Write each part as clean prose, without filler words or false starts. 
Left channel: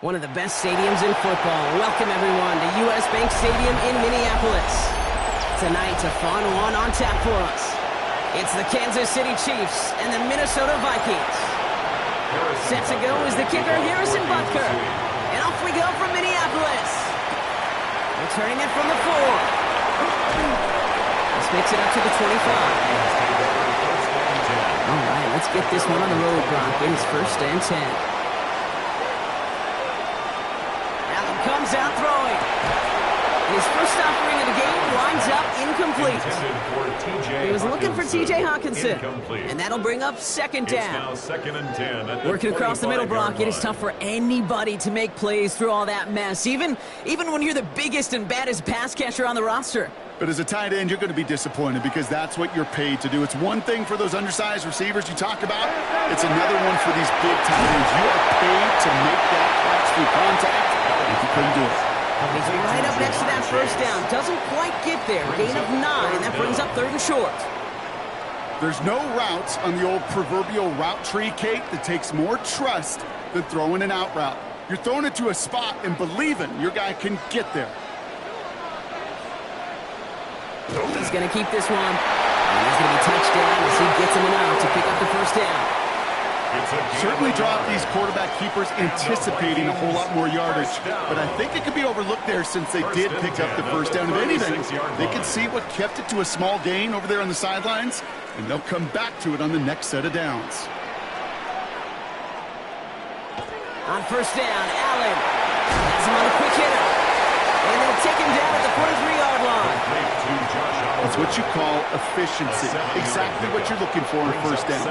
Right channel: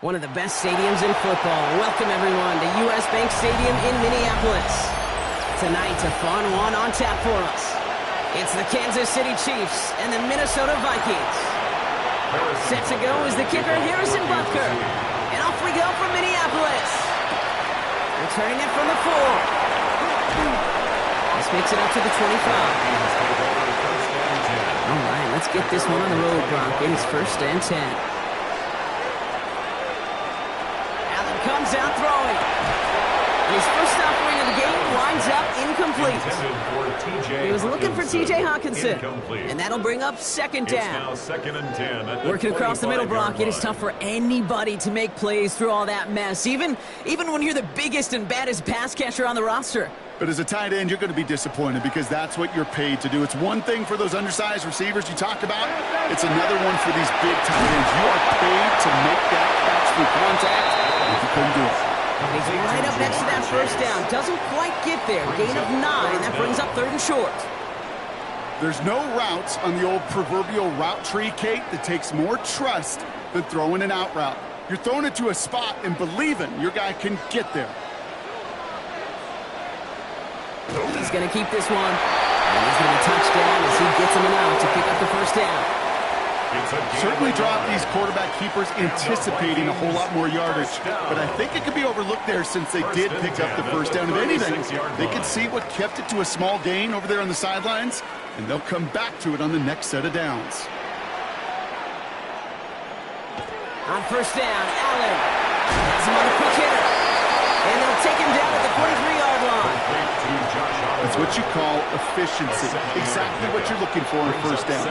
One of the best stadiums in football. Welcome, everyone, to U.S. Bank Stadium in Minneapolis. Tonight, a fun one on tap for us. It's the Kansas City Chiefs and the Minnesota Vikings. Set to go is the kicker, Harrison Butker. And off we go from Minneapolis. Returning it from the 4. This makes it up to the 25. All right, let's get this one on the road, Broncos. First and 10. Comes out throwing. And his first offering of the game winds up incomplete. He was looking for T.J. Hawkinson. And that'll bring up second down. Second and 10 Working across the middle, Brock, it is tough for anybody to make plays through all that mess, even when you're the biggest and baddest pass catcher on the roster. But as a tight end, you're going to be disappointed because that's what you're paid to do. It's one thing for those undersized receivers you talk about. It's another one for these big tight ends. You are paid to make that catch through contact. If you couldn't do it. And he's right up next to that first down. Doesn't quite get there. Gain of 9. That brings up 3rd and short. There's no routes on the old proverbial route tree, Kate, that takes more trust than throwing an out route. You're throwing it to a spot and believing your guy can get there. He's going to keep this one. And he's going to be touchdown as he gets him enough to pick up the first down. Certainly dropped these quarterback keepers anticipating a whole lot more yardage. But I think it could be overlooked there since they did pick up the first down. If anything, they could see what kept it to a small gain over there on the sidelines, and they'll come back to it on the next set of downs. On first down, Allen has him on a quick hitter. And they'll take him down at the 43-yard line. That's what you call efficiency. Exactly what you're looking for on first down.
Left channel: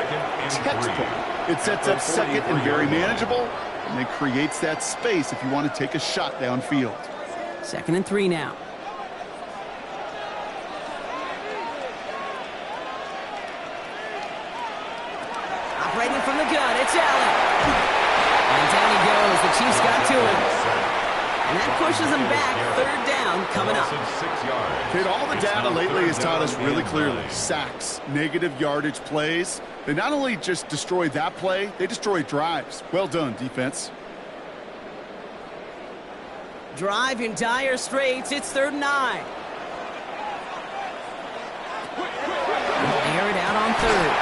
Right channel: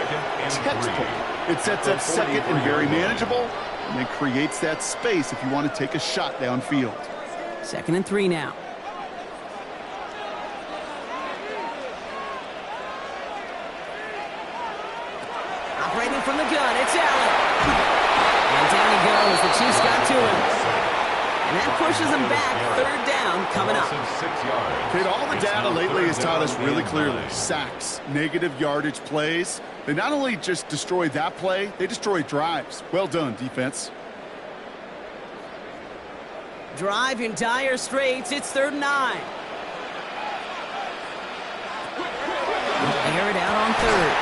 Textbook. It sets up second and very manageable, and then creates that space if you want to take a shot downfield. 2nd and 3 now. Operating from the gun, it's Allen. And down he goes. The Chiefs got to him. And that pushes them back. 3rd down coming up. Kate, all the data lately has taught us really clearly. Sacks, negative yardage plays. They not only just destroy that play, they destroy drives. Well done, defense. Drive in dire straits. It's 3rd and 9. Air it out on 3rd.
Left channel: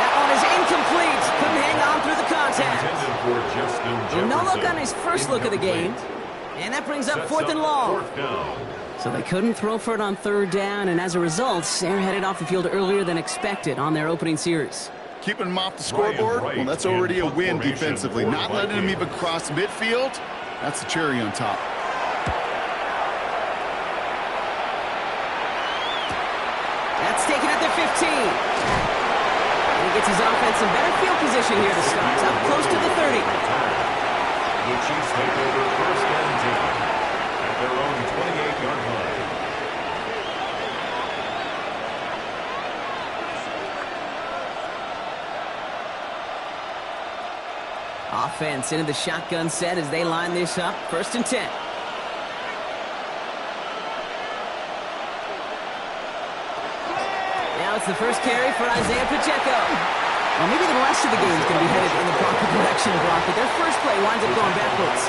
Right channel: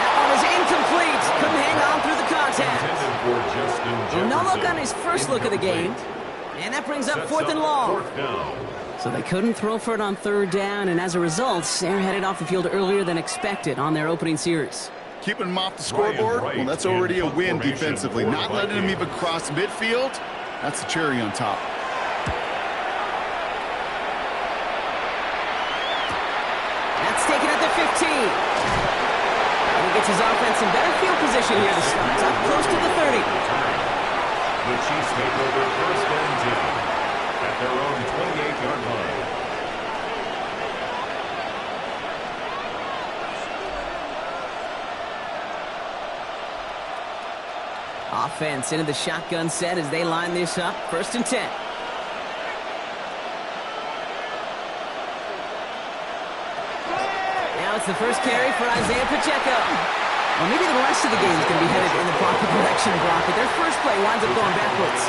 That one is incomplete. Couldn't hang on through the contact. No look on his first look of the game. And that brings up 4th and long. So they couldn't throw for it on 3rd down, and as a result, they're headed off the field earlier than expected on their opening series. Keeping them off the scoreboard? Well, that's already a win defensively. Not letting them even cross midfield, that's the cherry on top. That's taken at the 15. And he gets his offense in better field position here to start. Up close to the 30. The Chiefs take over 1st and 10 at their own 28-yard line. Offense into the shotgun set as they line this up. 1st and 10. Now it's the first carry for Isaiah Pacheco. Well, maybe the rest of the game is going to be headed in the proper direction, Brock, but their first play winds up going backwards.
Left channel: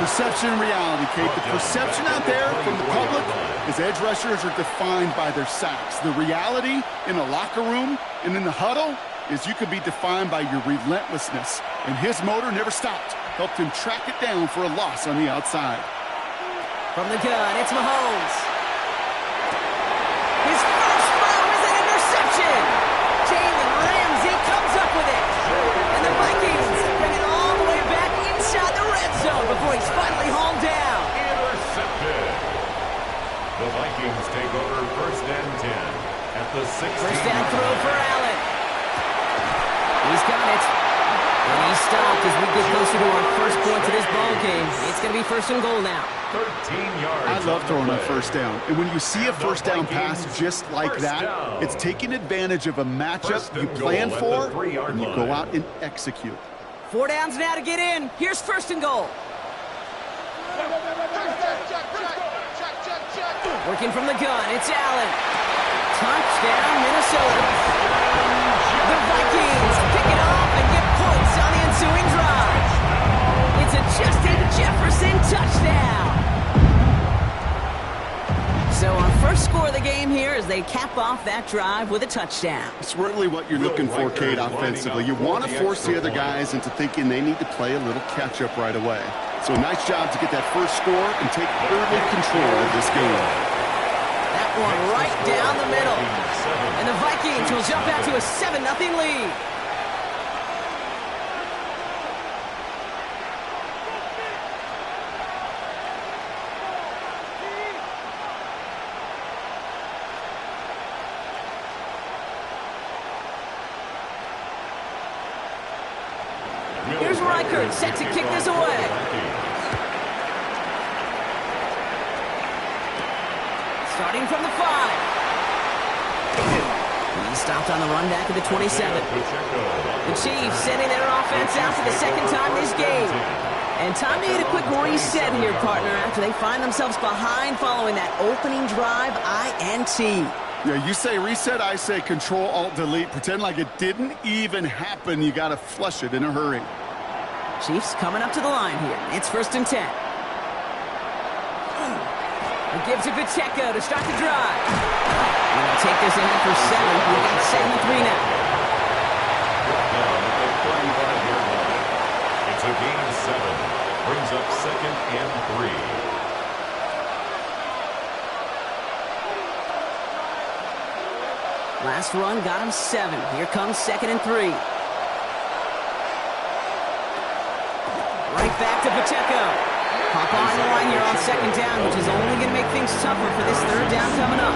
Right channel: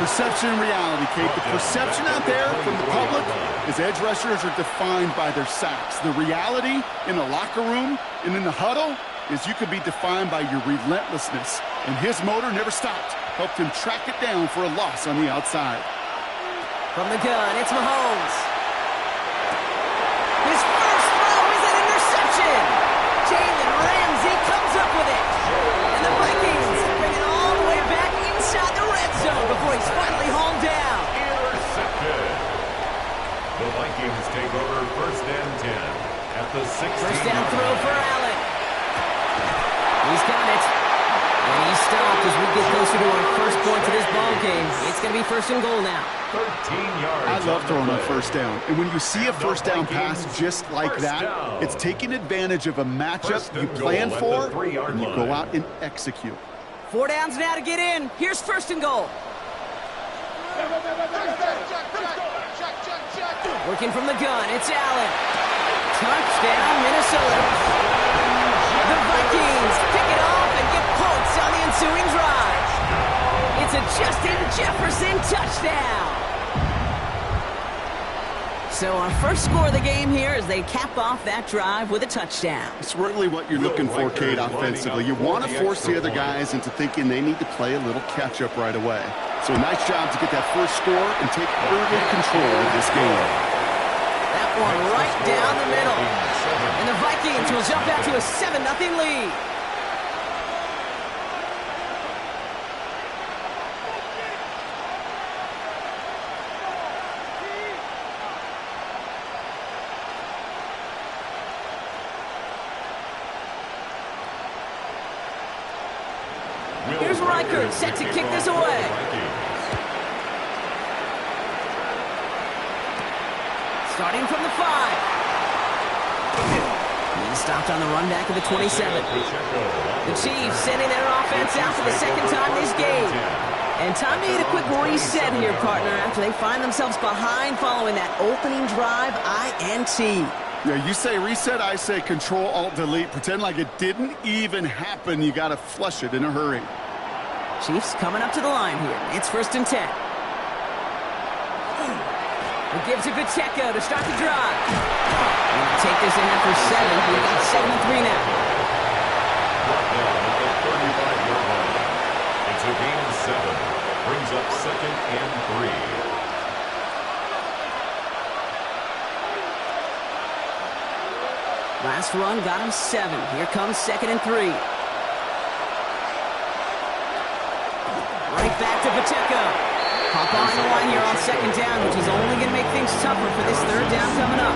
Perception and reality, Kate. The perception out there from the public is edge rushers are defined by their sacks. The reality in the locker room and in the huddle is you could be defined by your relentlessness. And his motor never stopped. Helped him track it down for a loss on the outside. From the gun, it's Mahomes. His first throw is an interception. Jalen Ramsey comes up with it. And the Vikings bring it all the way back inside the red zone before he's finally hauled down. Intercepted. The Vikings take over 1st and 10 at the 16. First down throw for Allen. He's got it. And he stopped as we get closer to our first point to this ball game. It's going to be 1st and goal now. 13 yards. I love throwing on 1st down. And when you see a 1st down pass just like that, it's taking advantage of a matchup you plan for, and you go out and execute. 4 downs now to get in. Here's 1st and goal. Working from the gun, it's Allen. Touchdown, Minnesota. The Vikings pick it off and get points on the ensuing drive. It's a Justin Jefferson touchdown. So our first score of the game here as they cap off that drive with a touchdown. It's really what you're looking for, Kate, offensively. You want to force the other guys into thinking they need to play a little catch-up right away. So a nice job to get that first score and take early control of this game. That one right down the middle. And the Vikings will jump out to a 7-0 lead. Here's Reichert set to kick this away. Starting from the 5. He stopped on the run back at the 27. The Chiefs sending their offense out for the second time this game. And time to hit a quick reset here, partner, after they find themselves behind following that opening drive INT. Yeah, you say reset, I say Control-Alt-Delete. Pretend like it didn't even happen. You got to flush it in a hurry. Chiefs coming up to the line here. It's 1st and 10. He gives it Pacheco to start the drive. He'll take this ahead for 7. We've got 7-3 now. Brought down at the 35-yard line. It's a gain of 7. Brings up 2nd and 3. Last run got him 7. Here comes 2nd and 3. Right back to Pacheco. Hop on the line here on 2nd down, which is only going to make things tougher for this 3rd down coming up.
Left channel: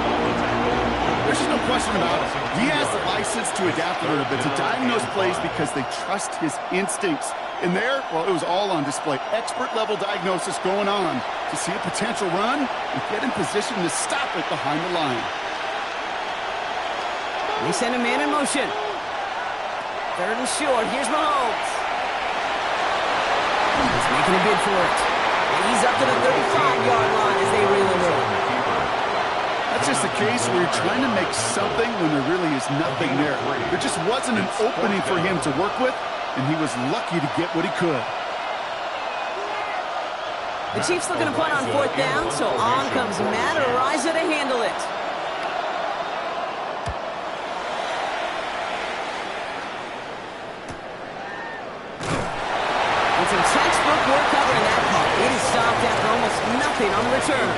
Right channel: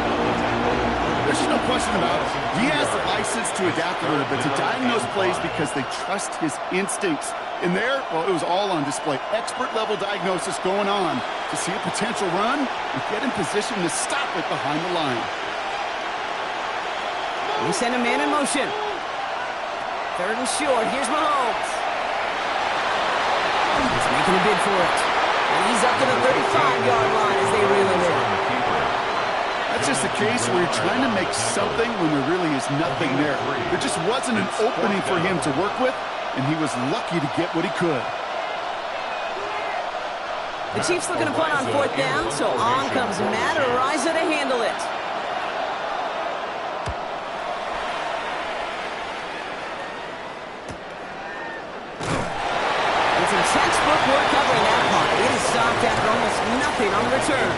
There's just no question about it. He has the license to adapt a little bit, to diagnose plays because they trust his instincts. And there, well, it was all on display. Expert-level diagnosis going on to see a potential run and get in position to stop it behind the line. They send a man in motion. 3rd and short. Here's Mahomes. He's making a bid for it. And he's up to the 35-yard line as they reel him in. That's just a case where you're trying to make something when there really is nothing there. There just wasn't an opening for him to work with, and he was lucky to get what he could. The Chiefs looking to punt on 4th down, so on comes Matt Araiza to handle it. And some textbook work covering that part. It is stopped after almost nothing on the return.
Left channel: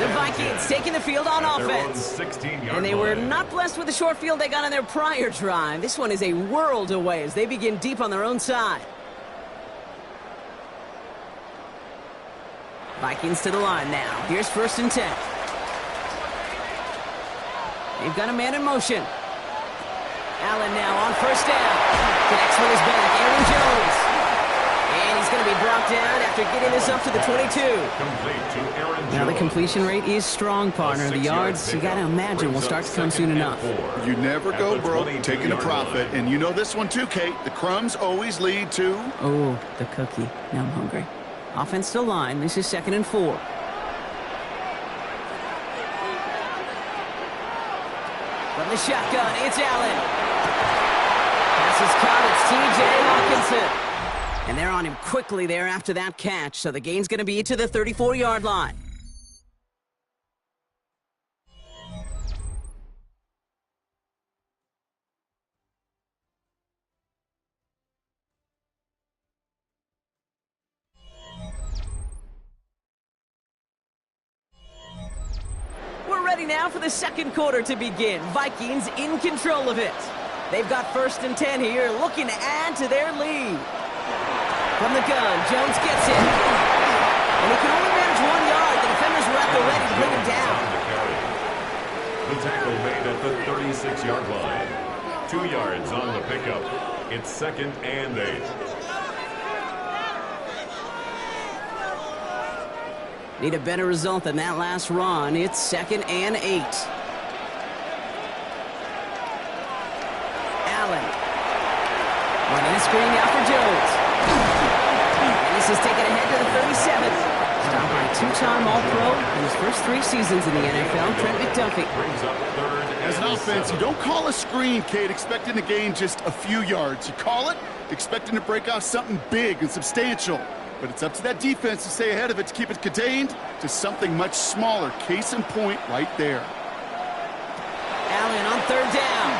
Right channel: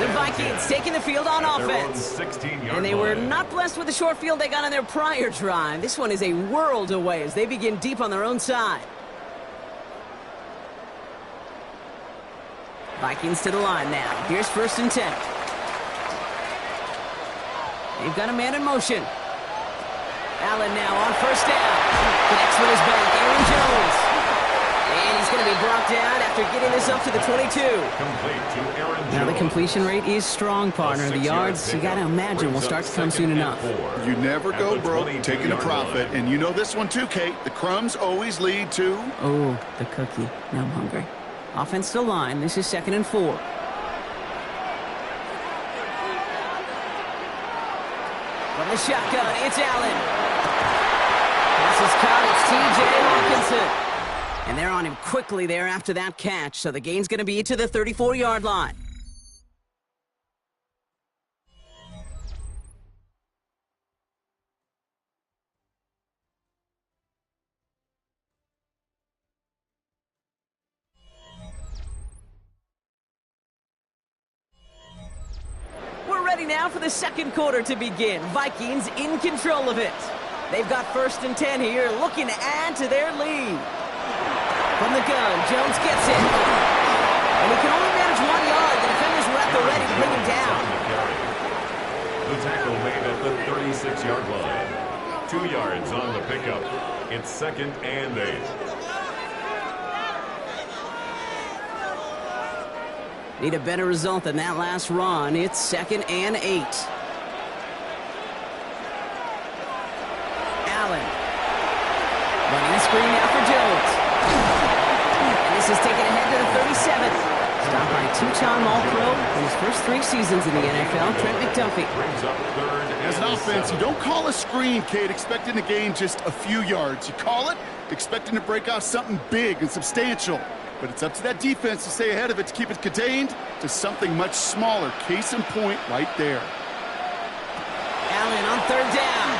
The Vikings taking the field on offense. And they were not blessed with the short field they got on their prior drive. This one is a world away as they begin deep on their own side. Vikings to the line now. Here's 1st and 10. They've got a man in motion. Allen now on 1st down. Connects with his back. Aaron Jones. And he's going to be brought down after getting this up to the 22. Complete to Aaron Jones. Now the completion rate is strong, partner. The yards, you got to imagine, will start to come soon enough. You never go broke taking a profit. And you know this one too, Kate. The crumbs always lead to... Oh, the cookie. Now I'm hungry. Offense to line. This is 2nd and 4. From the shotgun, it's Allen. Pass is caught. It's T.J. Hawkinson. And they're on him quickly there after that catch, so the gain's going to be to the 34-yard line. We're ready now for the 2nd quarter to begin. Vikings in control of it. They've got 1st and 10 here, looking to add to their lead. From the gun, Jones gets it. And he can only manage 1 yard. The defenders were at the ready to bring him down. The tackle made at the 36-yard line. 2 yards on the pickup. It's 2nd and 8. Need a better result than that last run. It's 2nd and 8. Allen. Running a screen now for Jones. And this is taken ahead to the 37. Stopped by 2-time All-Pro in his first 3 seasons in the NFL, Trent McDuffie. Brings up 3rd As an offense, you don't call a screen, Kate, expecting to gain just a few yards. You call it expecting to break out something big and substantial. But it's up to that defense to stay ahead of it, to keep it contained to something much smaller. Case in point right there. Allen on third down.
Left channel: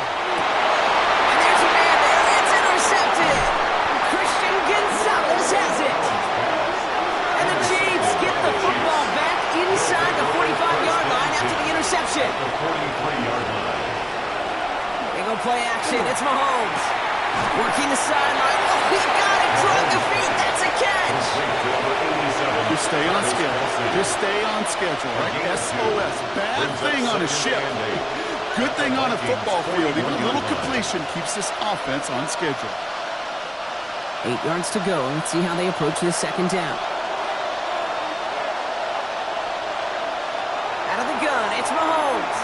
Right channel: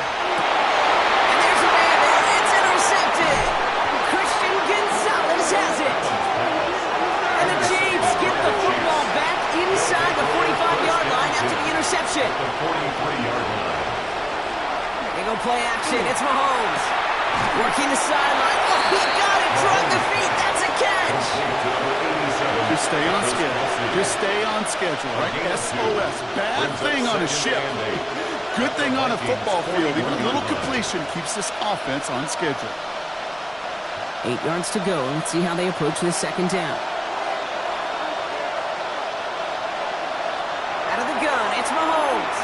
And there's a man there. It's intercepted. Christian Gonzalez has it. And the Chiefs get the football back inside the 45-yard line after the interception. The 43-yard line. They go play action. It's Mahomes. Working the sideline. Oh, he got it. Drug the feet. That's a catch. Just stay on schedule. Just stay on schedule, right? SOS. Bad thing on a ship. Good thing on a football field. Even a little completion keeps this offense on schedule. 8 yards to go. Let's see how they approach this second down. Out of the gun, it's Mahomes.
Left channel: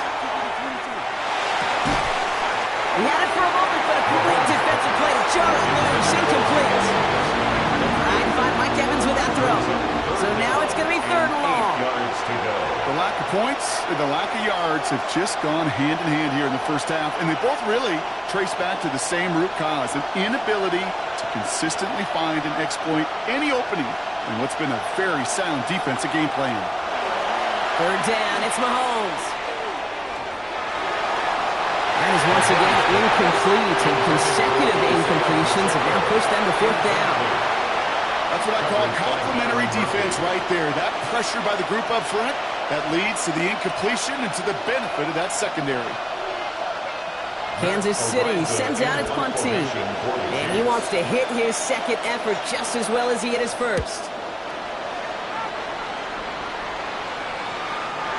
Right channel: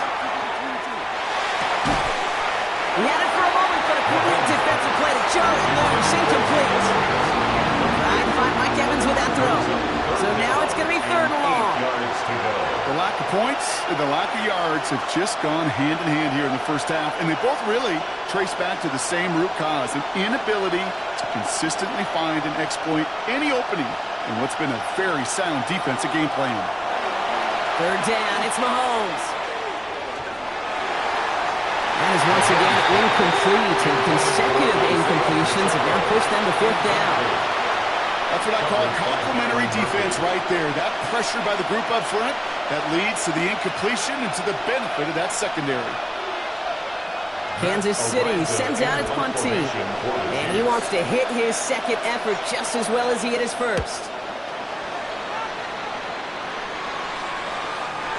He had it for a moment, but a great defensive play to jar it loose. Incomplete. Trying to find Mike Evans with that throw. So now it's going to be third and long. 8 yards to go. The lack of points and the lack of yards have just gone hand in hand here in the first half, and they both really trace back to the same root cause, an inability to consistently find and exploit any opening in what's been a very sound defensive game plan. Third down, it's Mahomes. That is once again incomplete, and consecutive incompletions have now pushed them to fourth down. That's what I call complementary defense right there. That pressure by the group up front, that leads to the incompletion and to the benefit of that secondary. Kansas City sends out its punt team, and he wants to hit his second effort just as well as he hit his first.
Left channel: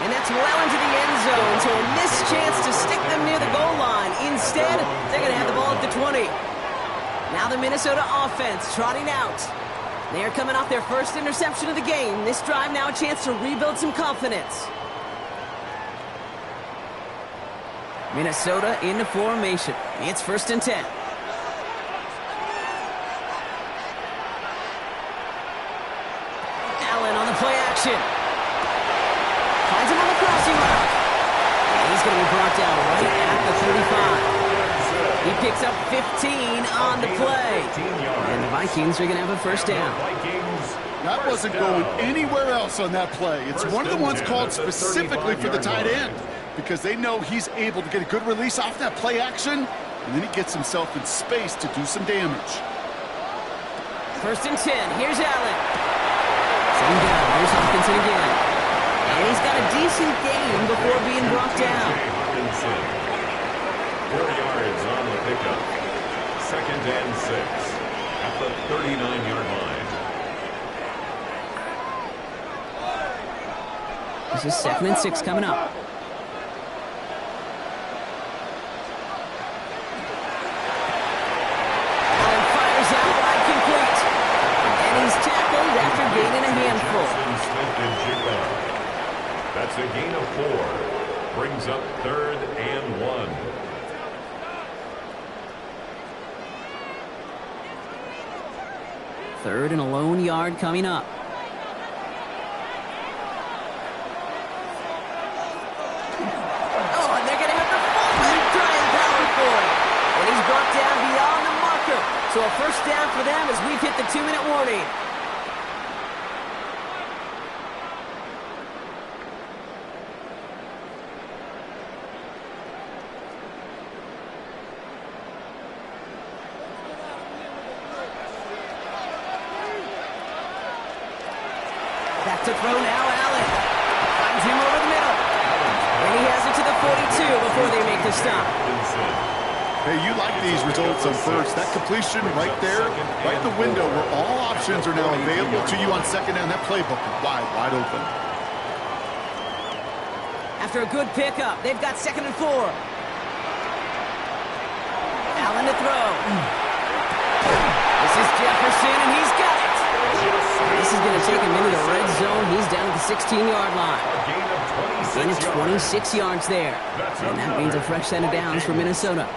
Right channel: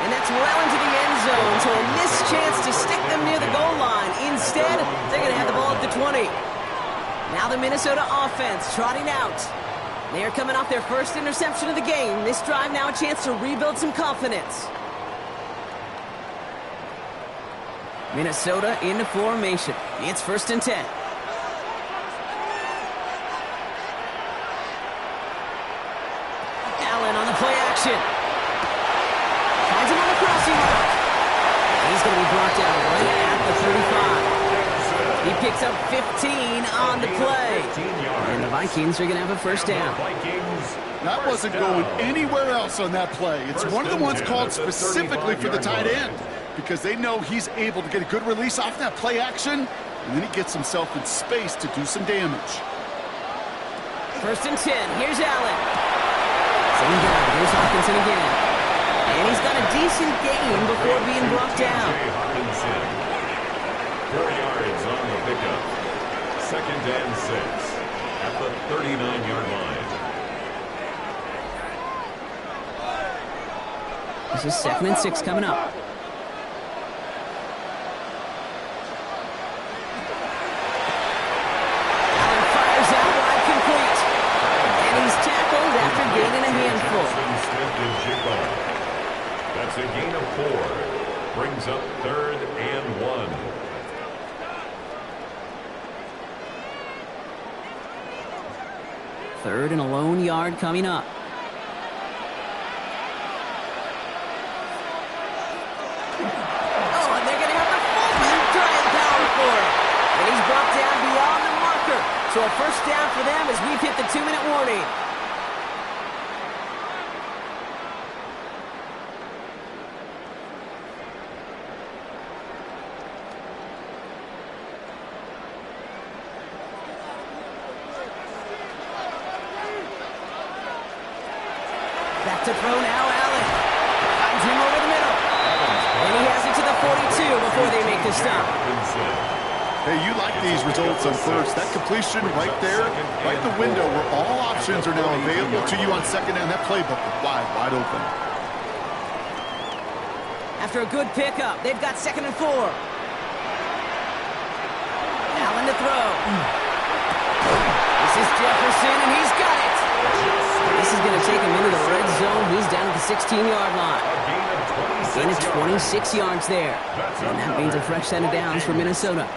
And that's well into the end zone, so a missed chance to stick them near the goal line. Instead, they're going to have the ball at the 20. Now the Minnesota offense trotting out. They are coming off their first interception of the game. This drive now a chance to rebuild some confidence. Minnesota into formation. It's 1st and 10. Allen on the play action. Finds him on the crossing route. And he's going to be brought down right at the 35. He picks up 15 on the play. And the Vikings are going to have a first down. That wasn't going anywhere else on that play. It's one of the ones called specifically for the tight end because they know he's able to get a good release off that play action, and then he gets himself in space to do some damage. 1st and 10. Here's Allen. Same guy. Here's Hockenson again. And he's got a decent game before being brought down. 4 yards on the pickup. 2nd and 6 at the 39-yard line. This is 2nd and 6 coming up. Allen fires out wide, complete. And he's tackled after gaining a handful. That's a gain of 4. Brings up 3rd and 1. Third and a lone yard coming up. Oh, and they're going to have the fullback trying power for it. And he's brought down beyond the marker. So a first down for them as we've hit the 2-minute warning. Back to throw now, Allen. Finds him over the middle. And he has it to the 42 before they make the stop. Hey, you like these results on first. That completion right there, right the window where all options are now available to you on second down. That playbook is wide open. After a good pickup, they've got 2nd and 4. Allen to throw. This is Jefferson, and he's got it. This is going to take him into the red zone. He's down at the 16-yard line. Gain of 26 yards there. And that means a fresh set of downs for Minnesota.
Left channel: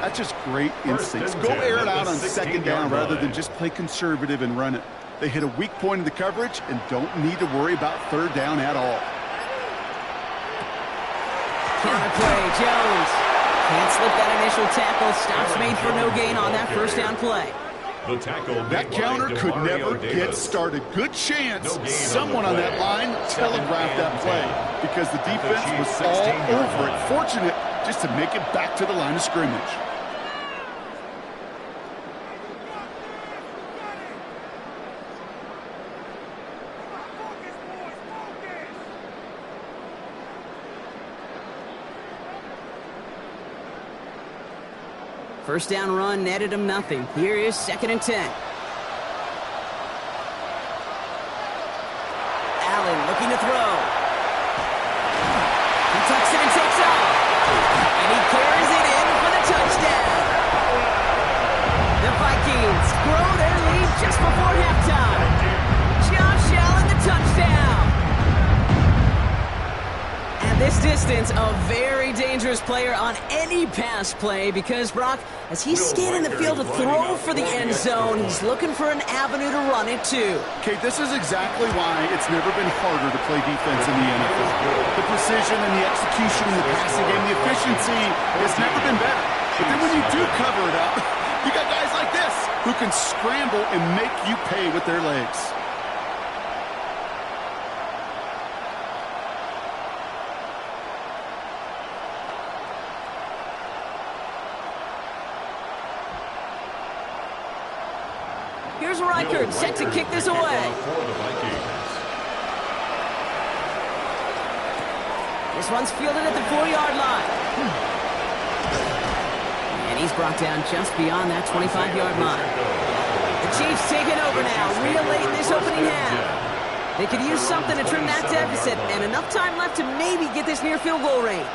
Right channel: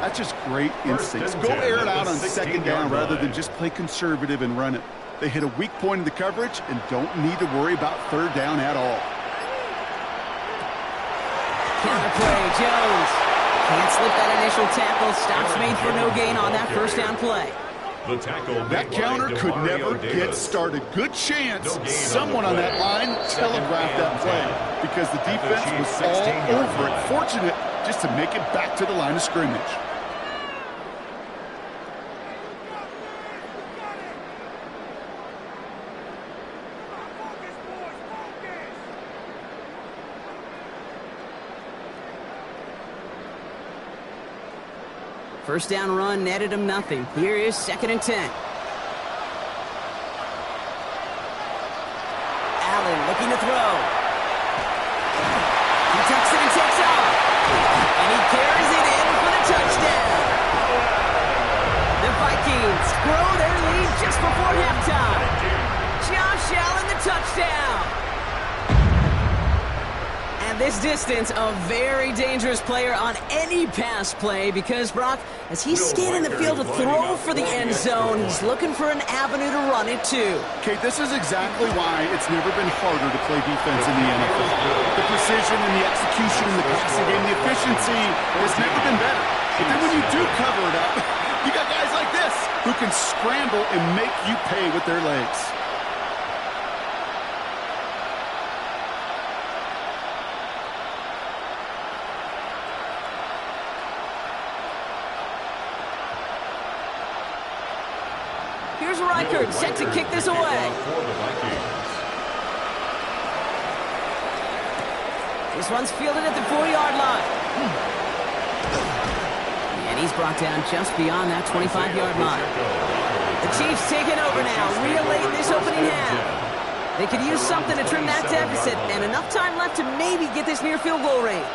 That's just great instincts. Go air it out on second down rather than just play conservative and run it. They hit a weak point in the coverage and don't need to worry about third down at all. Counter play, Jones. Can't slip that initial tackle. Stops made for no gain on that first down play. The tackle That counter could never get started. Good chance someone on that line telegraphed that play because the defense was all over it. Fortunate just to make it back to the line of scrimmage. First down run netted him nothing. Here is 2nd and 10. Allen looking to throw. He tucks it and takes off. And he carries it in for the touchdown. The Vikings grow their lead just before halftime. Josh Allen, the touchdown. At this distance, a very dangerous player on any pass play because, Brock, as he's scanning the field to throw for the end zone, he's looking for an avenue to run it to. Kate, this is exactly why it's never been harder to play defense in the NFL. The precision and the execution in the passing game, the efficiency has never been better. But then when you do cover it up, you got guys like this who can scramble and make you pay with their legs. Here's Reichert set to kick this away. This one's fielded at the 4-yard line. And he's brought down just beyond that 25-yard line. The Chiefs taking over now, real late in this opening half. They could use something to trim that deficit, and enough time left to maybe get this near field goal range.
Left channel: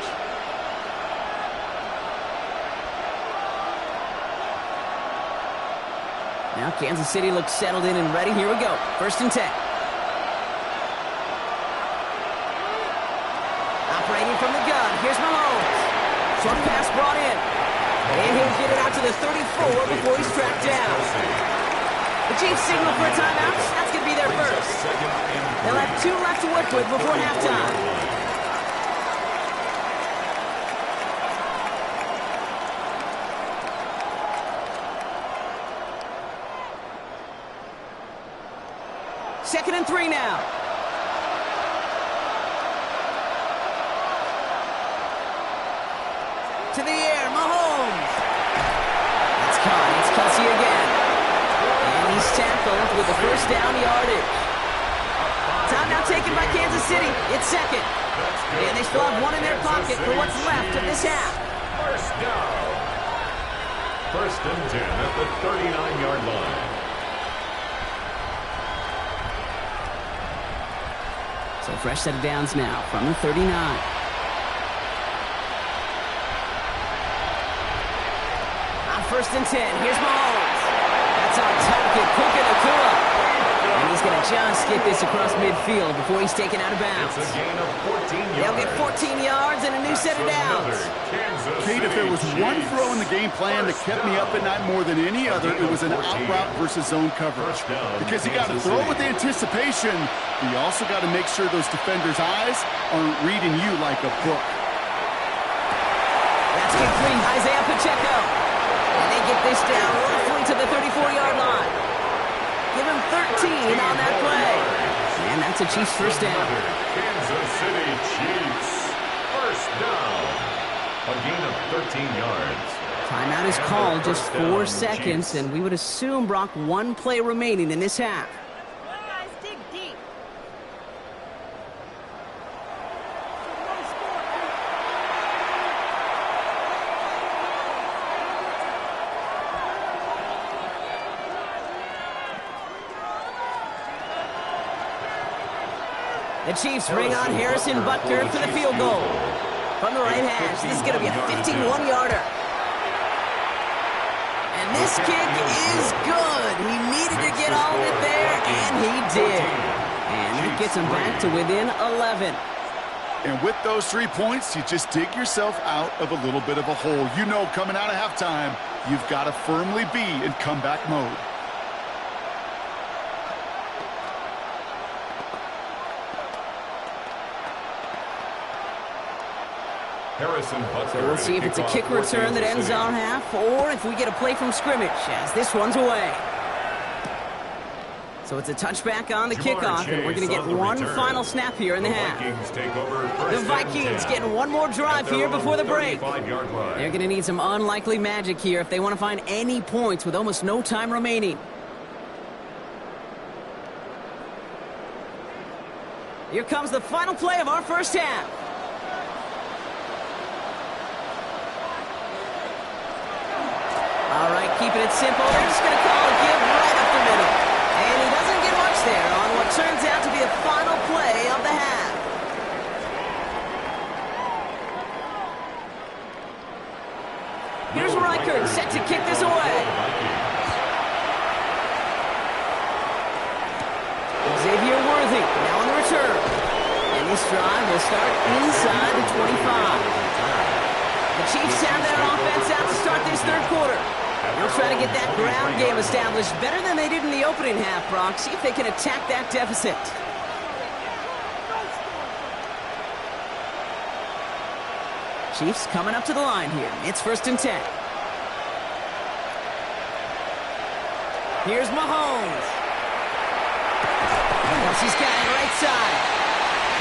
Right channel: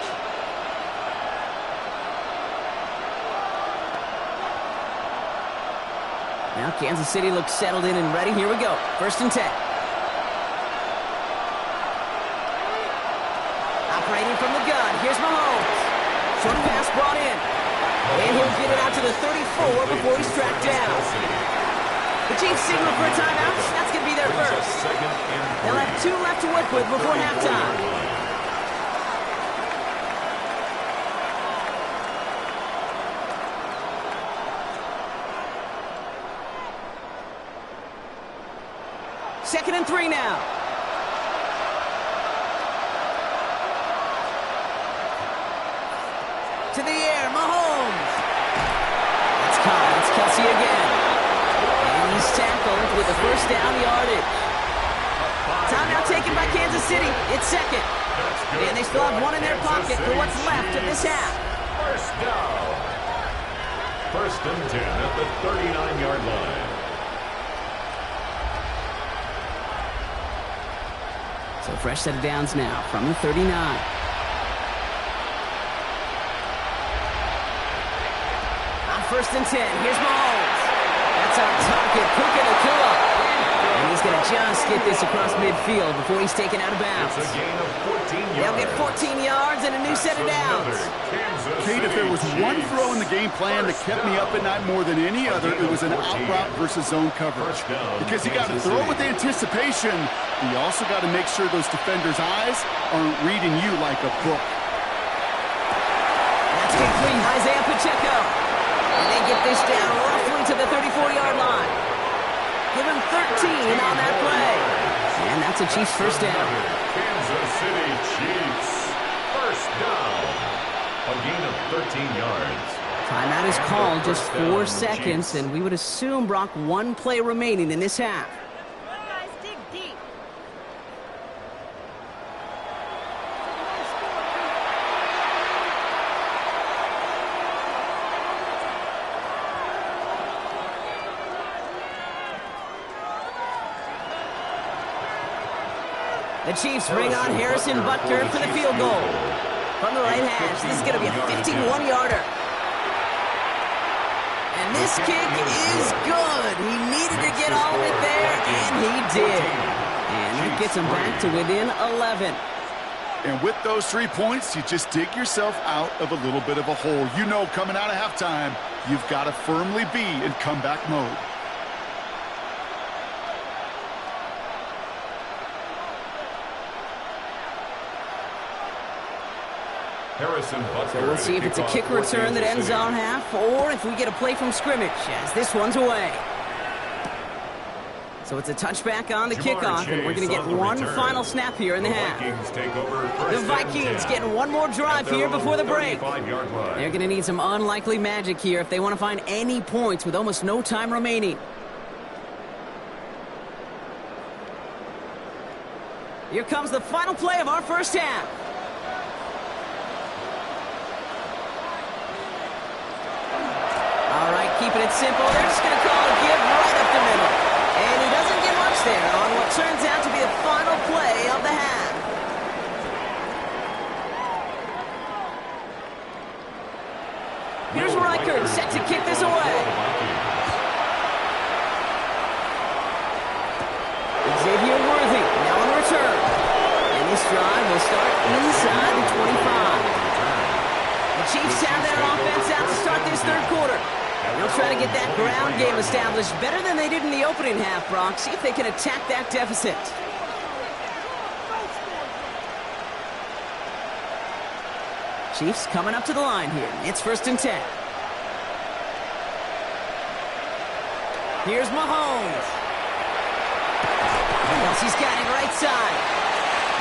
Now Kansas City looks settled in and ready. Here we go. 1st and 10. Operating from the gun. Here's Mahomes. Short pass brought in. And he'll get it out to the 34 before he's tracked down. The Chiefs signal for a timeout. That's going to be their first. They'll have 2 left to work with before halftime. Second and 3 now. To the air, Mahomes. That's caught. It's Kelsey again. And he's tackled with the first down yardage. Timeout taken by Kansas City. It's 2nd. And they still have 1 in their pocket for what's left of this half. First down. 1st and 10 at the 39-yard line. So fresh set of downs now from the 39. On 1st and 10, here's Mahomes. That's our target, Puka Nacua. And he's going to just get this across midfield before he's taken out of bounds. It's a gain of 14 yards. They'll get 14 yards and a new set of downs. Kate, if there was one throw in the game plan that kept me up at night more than any other, it was an out route versus zone coverage. Because you got to throw with anticipation, but you also got to make sure those defenders' eyes aren't reading you like a book. That's complete. Isaiah Pacheco. And they get this down roughly to the 34-yard line. Give him 13 on that play. And that's a Chiefs first down. Kansas City Chiefs. First down. A gain of 13 yards. Timeout is called, just 4 seconds, and we would assume, Brock, 1 play remaining in this half. Guys, dig deep. The Chiefs bring on Harrison Butker for the field goal. From the right hash, this is going to be a 51-yarder. And this kick is good. He needed to get all of it there, and he did. And that gets him back to within 11. And with those 3 points, you just dig yourself out of a little bit of a hole. You know, coming out of halftime, you've got to firmly be in comeback mode. Harrison Butker. So we'll see if it's a kick return that ends our half, or if we get a play from scrimmage, as this one's away. So it's a touchback on the kickoff, and we're going to get one final snap here in the half. The Vikings getting one more drive here before the break. They're going to need some unlikely magic here if they want to find any points with almost no time remaining. Here comes the final play of our first half. All right, keeping it simple. They're just going to call a give right up the middle. And he doesn't get much there on what turns out to be the final play of the half. Here's Reichert set to kick this away. Xavier Worthy now on the return. And this drive will start inside the 25. The Chiefs have their offense out to start this third quarter. They'll try to get that ground game established better than they did in the opening half, Brock. See if they can attack that deficit. Chiefs coming up to the line here. It's 1st and 10. Here's Mahomes. Kelsey's got it right side.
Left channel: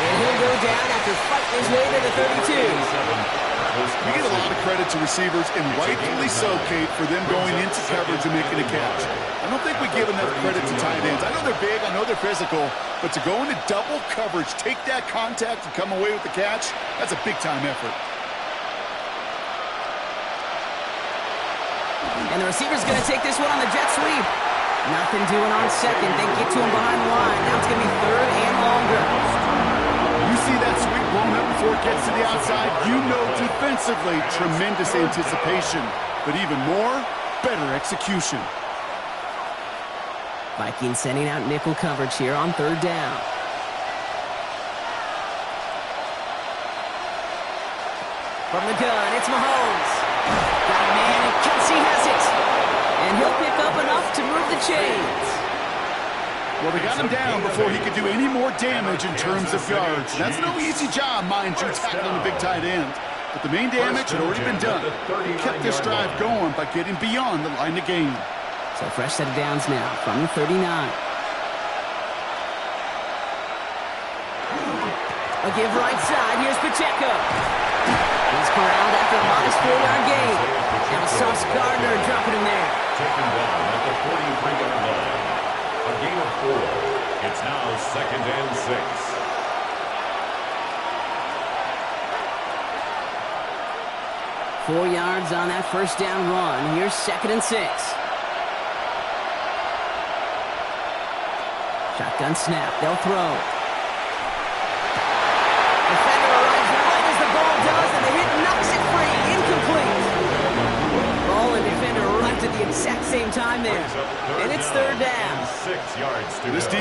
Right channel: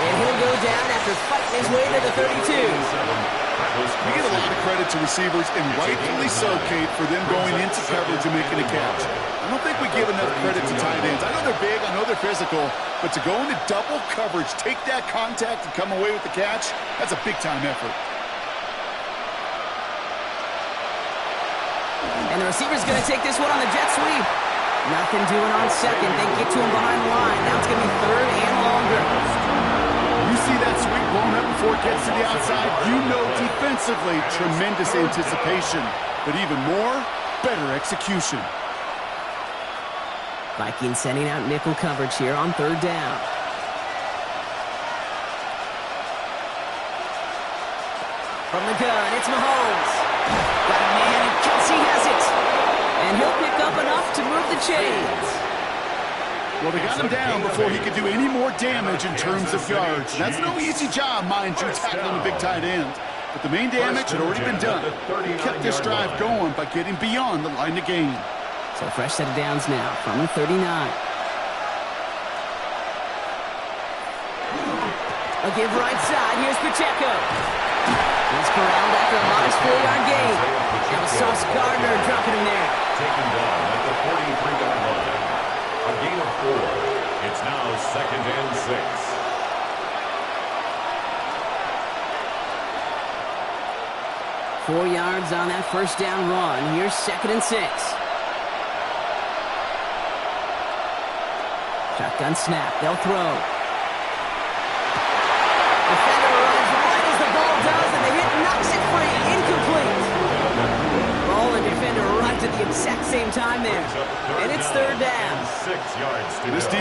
And he'll go down after fighting his way to the 32. We get a lot of credit to receivers, and rightfully so, Kate, for them going into coverage and making a catch. I don't think we give enough credit to tight ends. I know they're big, I know they're physical, but to go into double coverage, take that contact, and come away with the catch, that's a big-time effort. And the receiver's going to take this one on the jet sweep. Nothing doing on second. They get to him behind the line. Now it's going to be 3rd and longer. You see that sweep blown up before it gets to the outside, you know defensively, tremendous anticipation. But even more, better execution. Vikings sending out nickel coverage here on 3rd down. From the gun, it's Mahomes. Got a man, and Kelsey has it. And he'll pick up enough to move the chains. Well, they got him down before he could do any more damage in terms of yards. That's no easy job, mind you, tackling a big tight end. But the main damage had already been done. He kept this drive going by getting beyond the line of game. So fresh set of downs now from the 39. A give right side. Here's Pacheco. He's corralled after a modest 4-yard gain. Now Sauce Gardner dropping him there. Taken down at the 43-yard line. A gain of 4. It's now 2nd and 6. Four yards on that first down run. Here's 2nd and 6. Shotgun snap. They'll throw. Defender arrives right as the ball does, and the hit knocks it free. Incomplete. Ball and defender arrived at the exact same time there. And it's 3rd down. 6 yards to This go.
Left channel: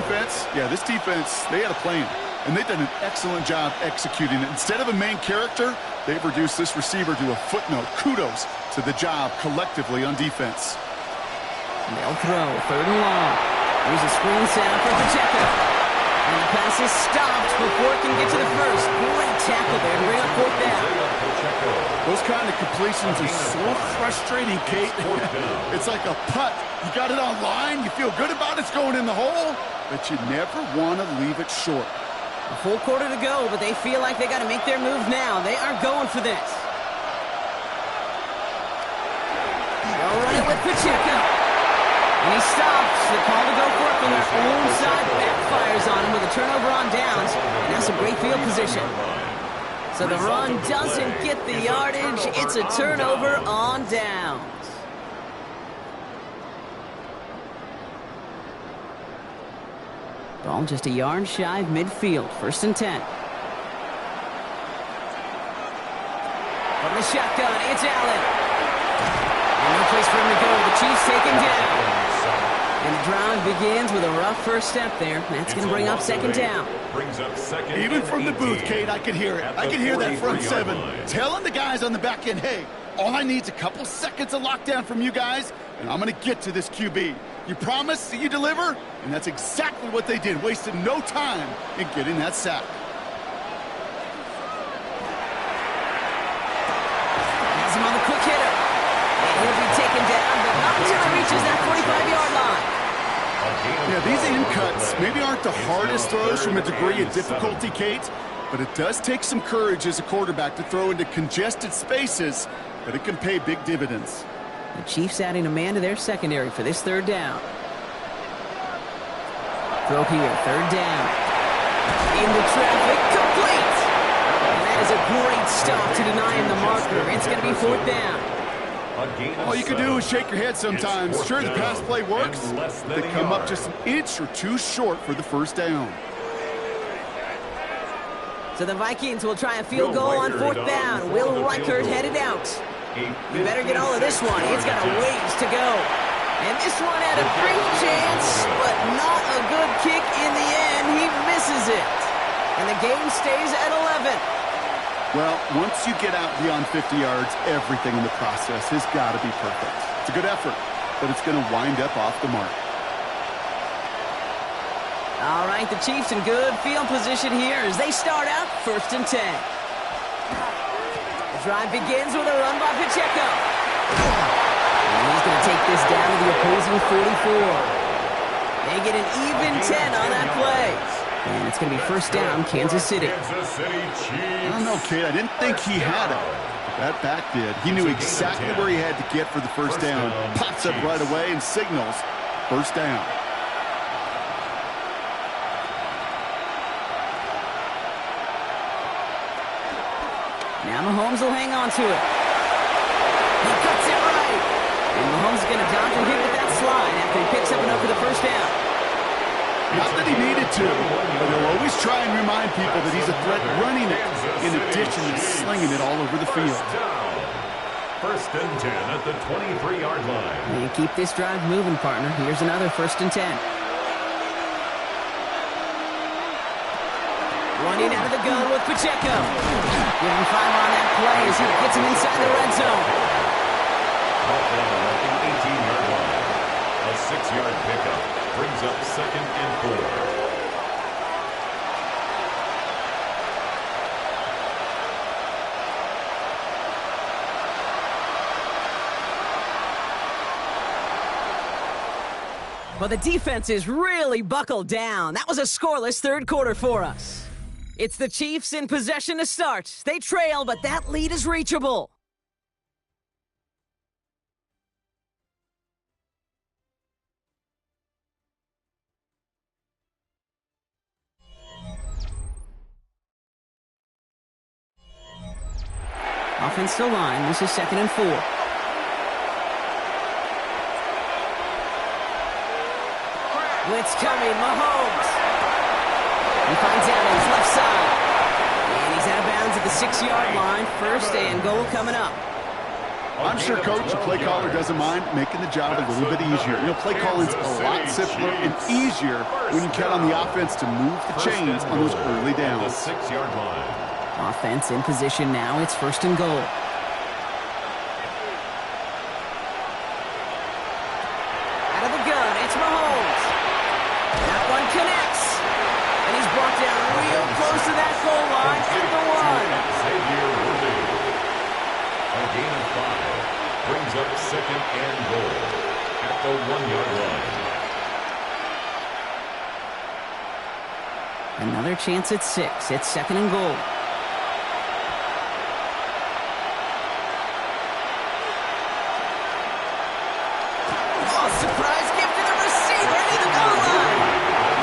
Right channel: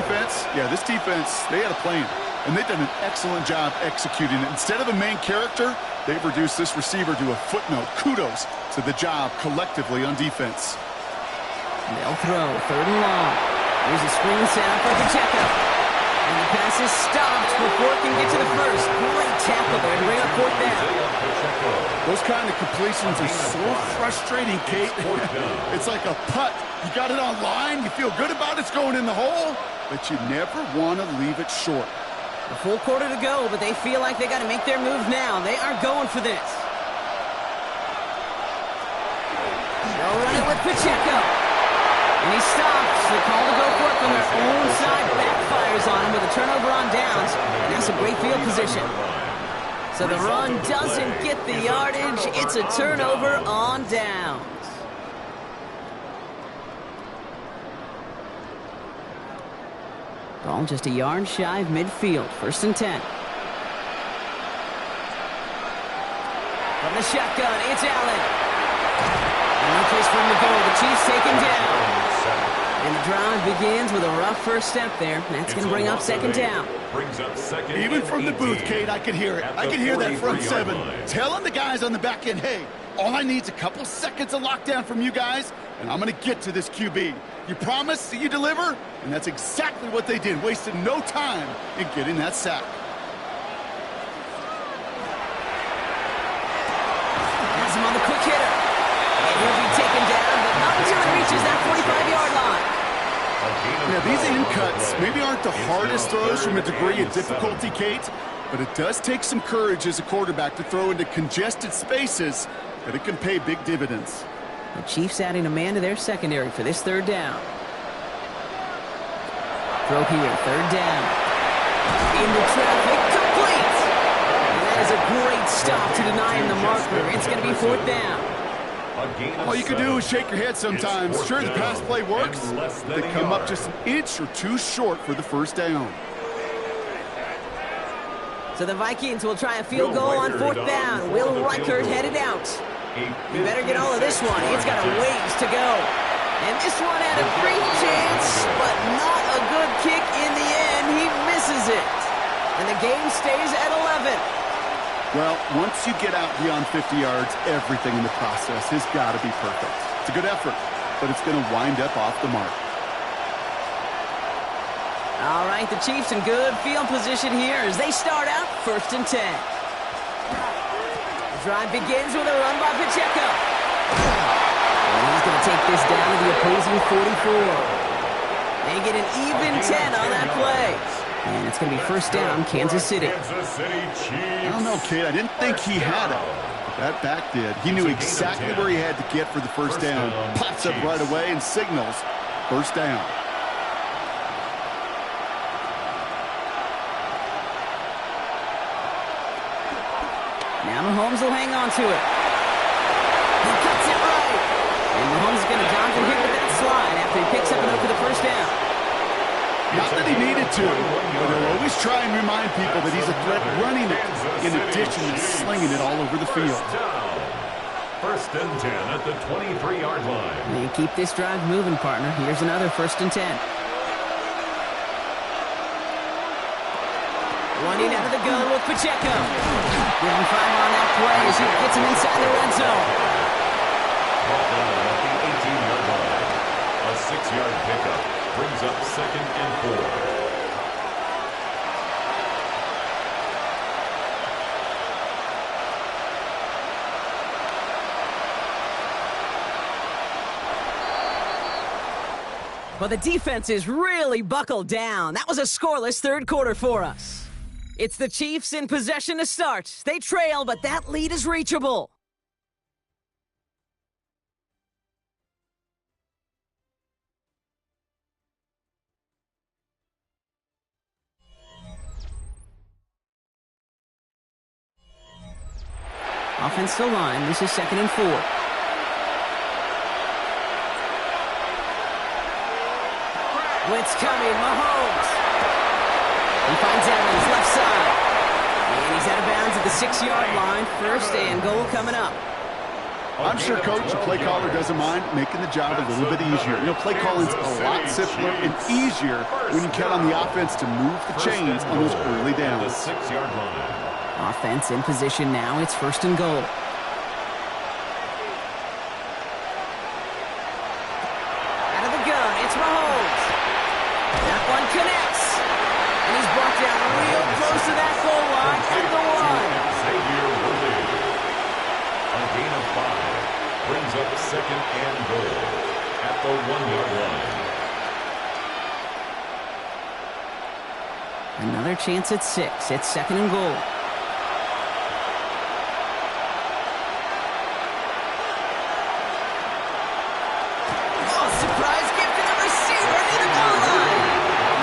defense, they had a plan. And they've done an excellent job executing it. Instead of a main character, they've reduced this receiver to a footnote. Kudos to the job collectively on defense. They'll throw. 3rd and long. Here's a screen sound for Pacheco. And the pass is stopped before it can get to the first. Great tackle there to bring up 4th down. Those kind of completions are so frustrating, Kate. It's like a putt. You got it on line, you feel good about it's going in the hole, but you never want to leave it short. A full quarter to go, but they feel like they got to make their move now. They are going for this. They'll run it with Pacheco. And he stops. The call to go for it from their own side backfires on him with a turnover on downs. And that's a great field position. So the run doesn't get the yardage. It's a turnover on downs. Ball just a yard shy of midfield. 1st and 10. From the shotgun, it's Allen. And no place for him to go. The Chiefs take him down. And the drive begins with a rough first step there. That's going to bring up 2nd down. Brings up 2nd. Even from the booth, Kate, I could hear it. I could hear that front 7 telling the guys on the back end, hey, all I need is a couple seconds of lockdown from you guys, and I'm going to get to this QB. You promise that you deliver? And that's exactly what they did, wasted no time in getting that sack. has him on the quick hitter. And he'll be taken down, but not until he reaches that 45-yard line. Yeah, these in cuts maybe aren't the hardest throws from a degree of difficulty, Kate, but it does take some courage as a quarterback to throw into congested spaces, but it can pay big dividends. The Chiefs adding a man to their secondary for this third down. Throw here, third down. Into traffic, complete! And that is a great stop to deny him the marker. It's going to be fourth down. All you can do is shake your head sometimes. Sure, the pass play works. They come up just an inch or two short for the first down. So the Vikings will try a field goal on fourth down. Will Reichert headed out. You better get all of this one. It's got a ways to go. And this one had a brief chance, but not a good kick in the end. He misses it. And the game stays at 11. Well, once you get out beyond 50 yards, everything in the process has got to be perfect. It's a good effort, but it's going to wind up off the mark. All right, the Chiefs in good field position here as they start out first and 10. The drive begins with a run by Pacheco. And he's going to take this down to the opposing 44. They get an even 10 on that play. And it's going to be first down, Kansas City. I don't know, Kate. I didn't think he had it. But that back did. He knew exactly where he had to get for the first down. Pops up right away and signals first down. Now Mahomes will hang on to it. He cuts it right. And Mahomes is going to dodge a hit with that slide after he picks up and over the first down. Not that he needed to, but he'll always try and remind people that he's a threat running it in addition to slinging it all over the field. First and 10 at the 23-yard line. And keep this drive moving, partner. Here's another first and 10. Running out of the gun with Pacheco. Give him 5 on that play as he gets him inside the red zone. Brought down at the 18-yard line. A 6-yard pickup brings up second and 4. Well, the defense is really buckled down. That was a scoreless third quarter for us. It's the Chiefs in possession to start. They trail, but that lead is reachable. Offensive line, this is second and 4. Blitz coming, Mahomes. He finds Evans, left side. And he's out of bounds at the 6-yard line. First and goal coming up. I'm sure Coach, the play caller, doesn't mind making the job a little bit easier. You know, play calling's a lot simpler and easier when you count on the offense to move the chains on those early downs. The 6-yard line. Offense in position now. It's first and goal. Out of the gun, it's Mahomes. That one connects. And he's brought down real close to that goal line at the 1. Xavier Worthy. A gain of 5 brings up second and goal at the 1-yard line. Another chance at 6. It's second and goal. Oh, surprise gift to the receiver near the goal line.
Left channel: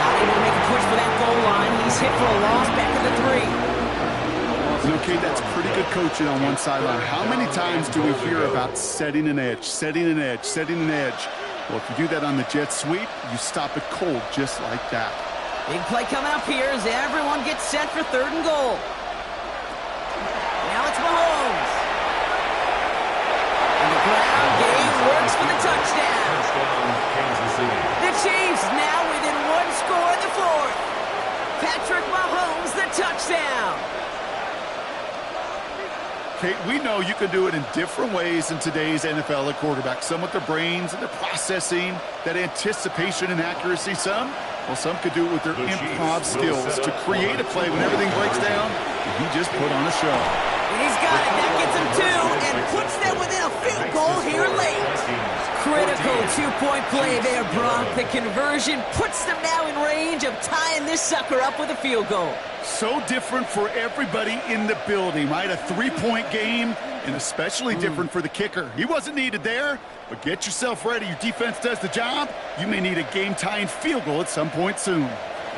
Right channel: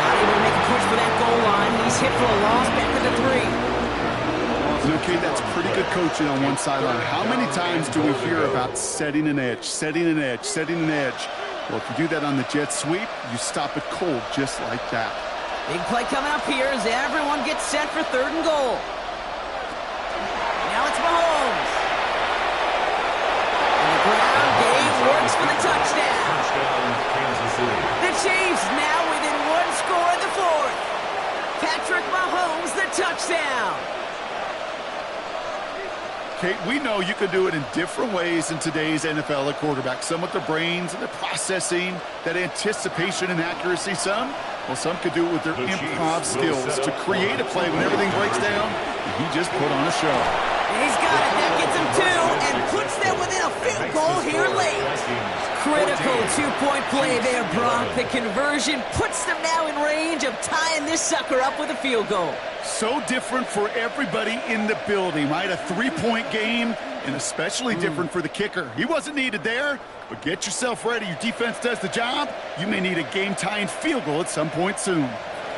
Not able to make a push for that goal line. He's hit for a loss back at the 3. Okay, that's pretty good coaching on one sideline. How many times do we hear about setting an edge, setting an edge, setting an edge? Well, if you do that on the jet sweep, you stop it cold just like that. Big play coming up here as everyone gets set for third and goal. Now it's Mahomes. And the ground game works for the touchdown. Touchdown, Kansas City. The Chiefs now within 1 score in the 4th. Patrick Mahomes, the touchdown. Kate, we know you can do it in different ways in today's NFL at quarterback. Some with their brains and their processing, that anticipation and accuracy. Some could do it with their improv skills to create a play when everything breaks down. And he just put on a show. And he's got it. That gets him two and puts them within a field goal here late. Critical two-point play there, Brock. The conversion puts them now in range of tying this sucker up with a field goal. So different for everybody in the building, right? A three-point game, and especially different for the kicker. He wasn't needed there, but get yourself ready. Your defense does the job. You may need a game-tying field goal at some point soon.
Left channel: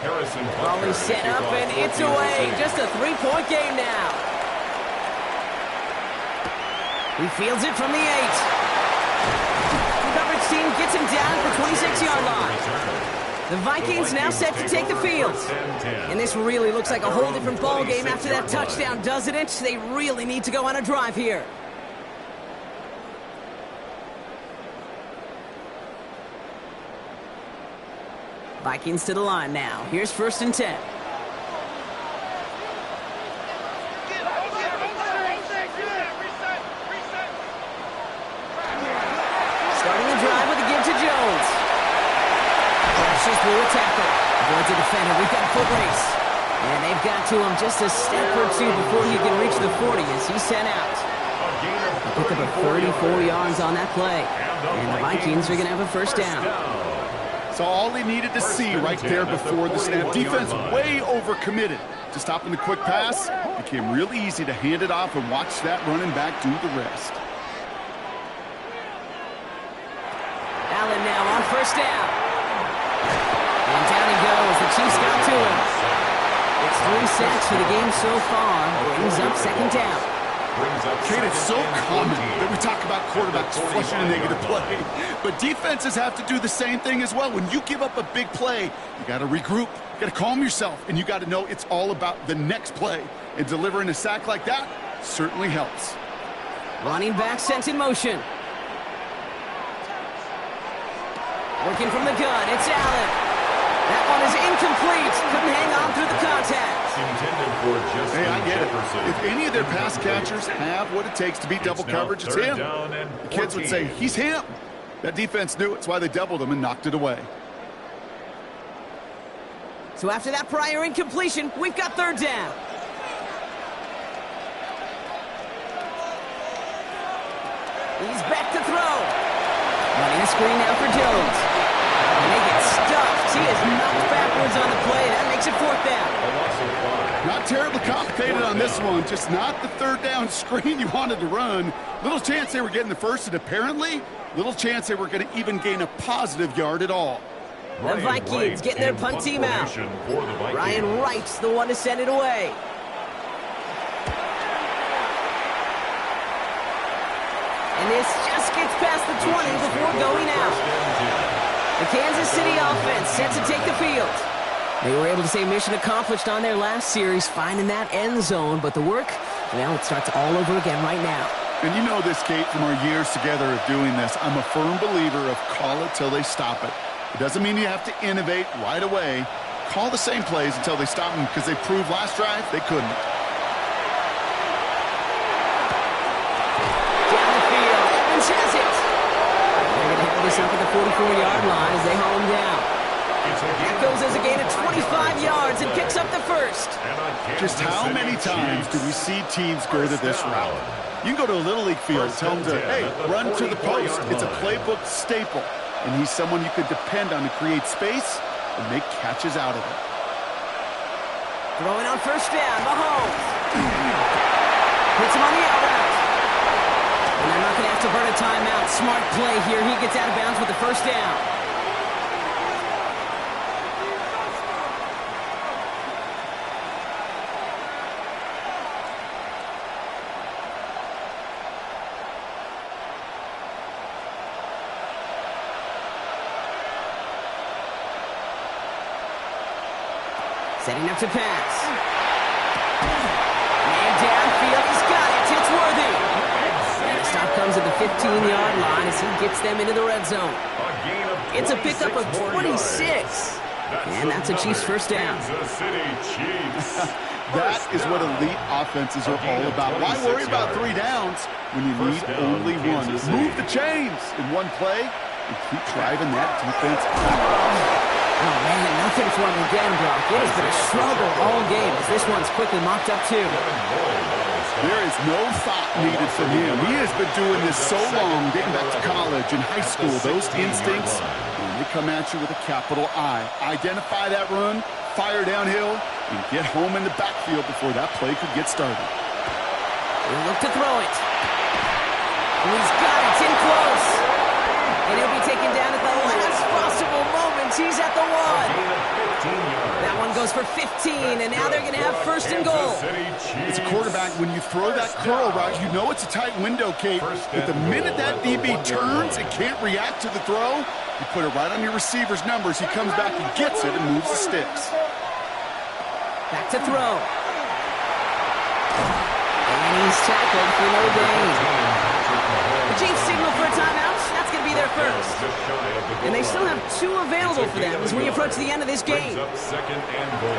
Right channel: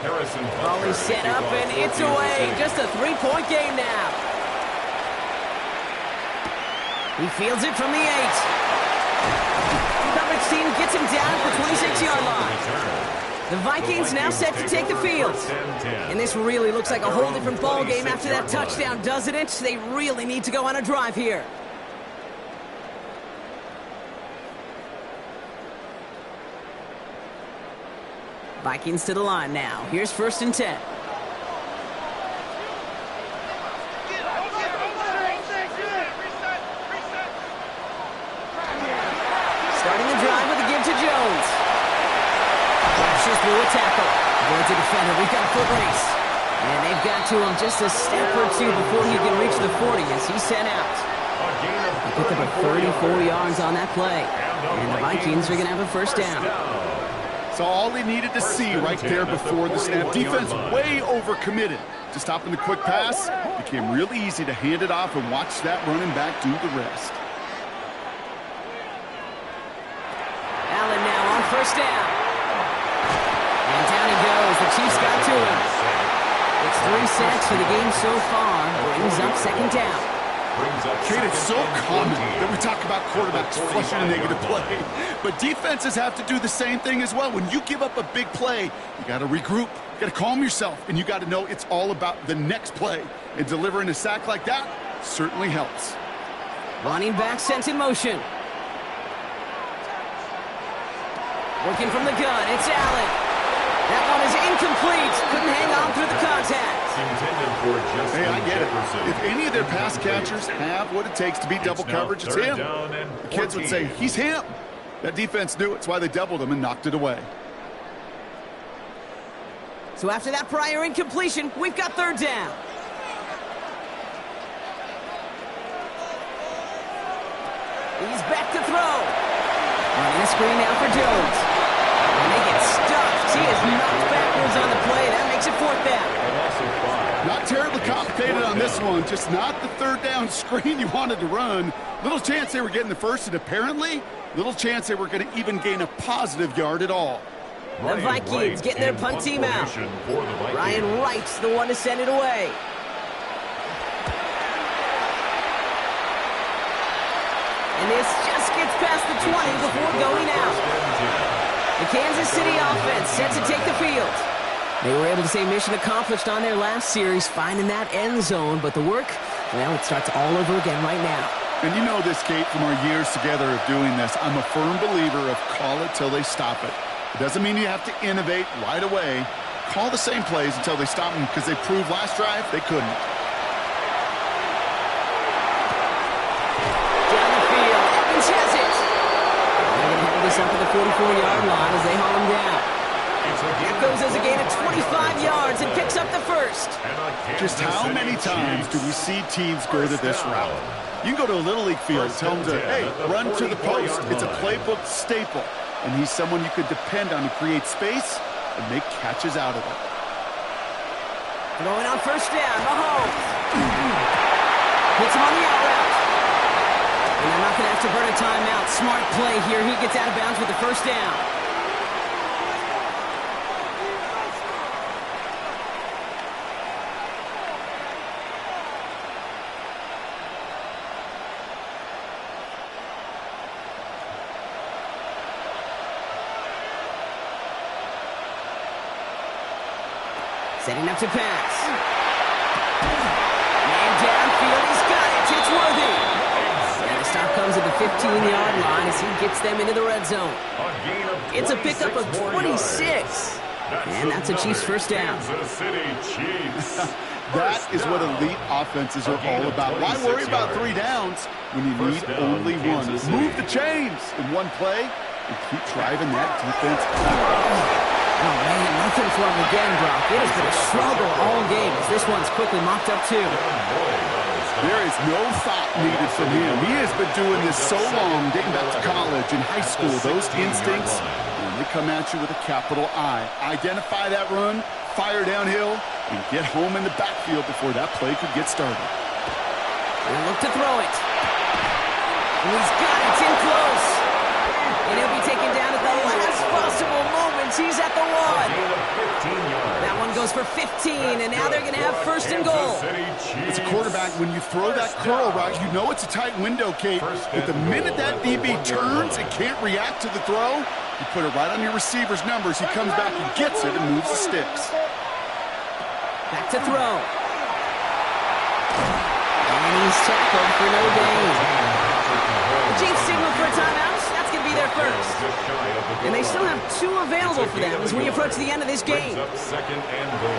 Harrison Ball set up, and it's away. Just a three-point game now. He fields it from the 8. Coverage team gets him down at the 26-yard line. The Vikings now set to take the field. And this really looks like a whole different ball game after that touchdown, doesn't it? They really need to go on a drive here. Vikings to the line now. Here's 1st and 10. Starting the drive with a give to Jones. Crashes through a tackle. Avoids a defender. We've got a foot race. And they've got to him just a step or two before he can reach the 40 as he's sent out. He picked up a 34 yards on that play. And the Vikings are going to have a first down. So all he needed to see right there before the snap. Defense way overcommitted to stopping the quick pass. Became real easy to hand it off and watch that running back do the rest. Allen now on 1st down. And down he goes. The Chiefs got to him. It's 3 sacks for the game so far. Brings up 2nd down. Kate, it's so common that we talk about quarterbacks flushing a negative play. But defenses have to do the same thing as well. When you give up a big play, you got to regroup. You got to calm yourself. And you got to know it's all about the next play. And delivering a sack like that certainly helps. Running back sent in motion. Working from the gun, it's Allen. That one is incomplete. Couldn't hang on through the contact. Hey, I get it. If any of their pass catchers have what it takes to beat double coverage, it's him. The kids would say, he's him. That defense knew it's why they doubled him and knocked it away. So after that prior incompletion, we've got 3rd down. He's back to throw. Running a screen now for Jones. And they get stuffed. He is knocked backwards on the play. That makes it 4th down. Not terribly complicated on this one. Just not the 3rd down screen you wanted to run. Little chance they were getting the first, and apparently little chance they were going to even gain a positive yard at all. The Vikings getting their punt team out. Ryan Wright's the one to send it away. And this just gets past the 20 before going out. The Kansas City offense set to take the field. They were able to say mission accomplished on their last series, finding that end zone. But the work, well, it starts all over again right now. And you know this, Kate, from our years together of doing this. I'm a firm believer of call it till they stop it. It doesn't mean you have to innovate right away. Call the same plays until they stop them, because they proved last drive they couldn't. Down the field, Evans has it. They're going to have this up at the 44-yard line as they haul him down. That goes as a gain of 25 yards and picks up the first. Just how many times do we see teams go to this route? You can go to a Little League field and tell them to, hey, run to the post. It's a playbook staple. And he's someone you could depend on to create space and make catches out of it. Throwing on 1st down, Mahomes. Hits him on the out route. And they're not going to have to burn a timeout. Smart play here. He gets out of bounds with the 1st down. Setting up to pass. Man downfield, he's got it. It's Worthy. And the stop comes at the 15-yard line as he gets them into the red zone. It's a pickup of 26. And that's a Chiefs 1st down. That is what elite offenses are all about. Why worry about 3 downs when you need only one? Move the chains in one play and keep driving that defense backwards. Oh, man, nothing for him again, Brock. It has been a struggle all game as this one's quickly mopped up, too. There is no thought needed from him. He has been doing this so long, dating back to college and high school. Those instincts, when they come at you with a capital I. Identify that run, fire downhill, and get home in the backfield before that play could get started. He'll look to throw it. Oh, he's got it. It's in close. And he'll be taken down at the last possible moment. He's at the 1. That one goes for 15, and now they're going to have first and goal. As a quarterback, when you throw that curl route, you know it's a tight window, Kate. But the minute that DB turns and can't react to the throw, you put it right on your receiver's numbers. He comes back and gets it and moves the sticks. Back to throw. And he's tackled for no gain. The Chiefs signal for a timeout. That's going to be their first. And they still have 2 available for them as we approach the end of this game. Up second and goal.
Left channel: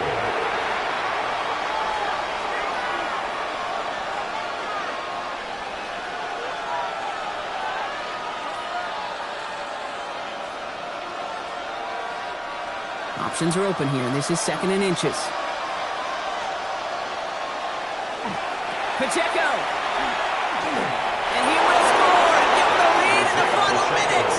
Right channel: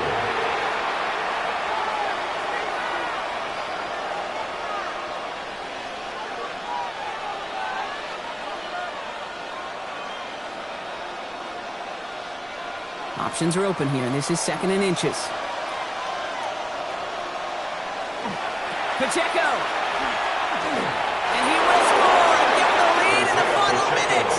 Options are open here, and this is 2nd and inches. Pacheco. And he will score and give them the lead in the final minute.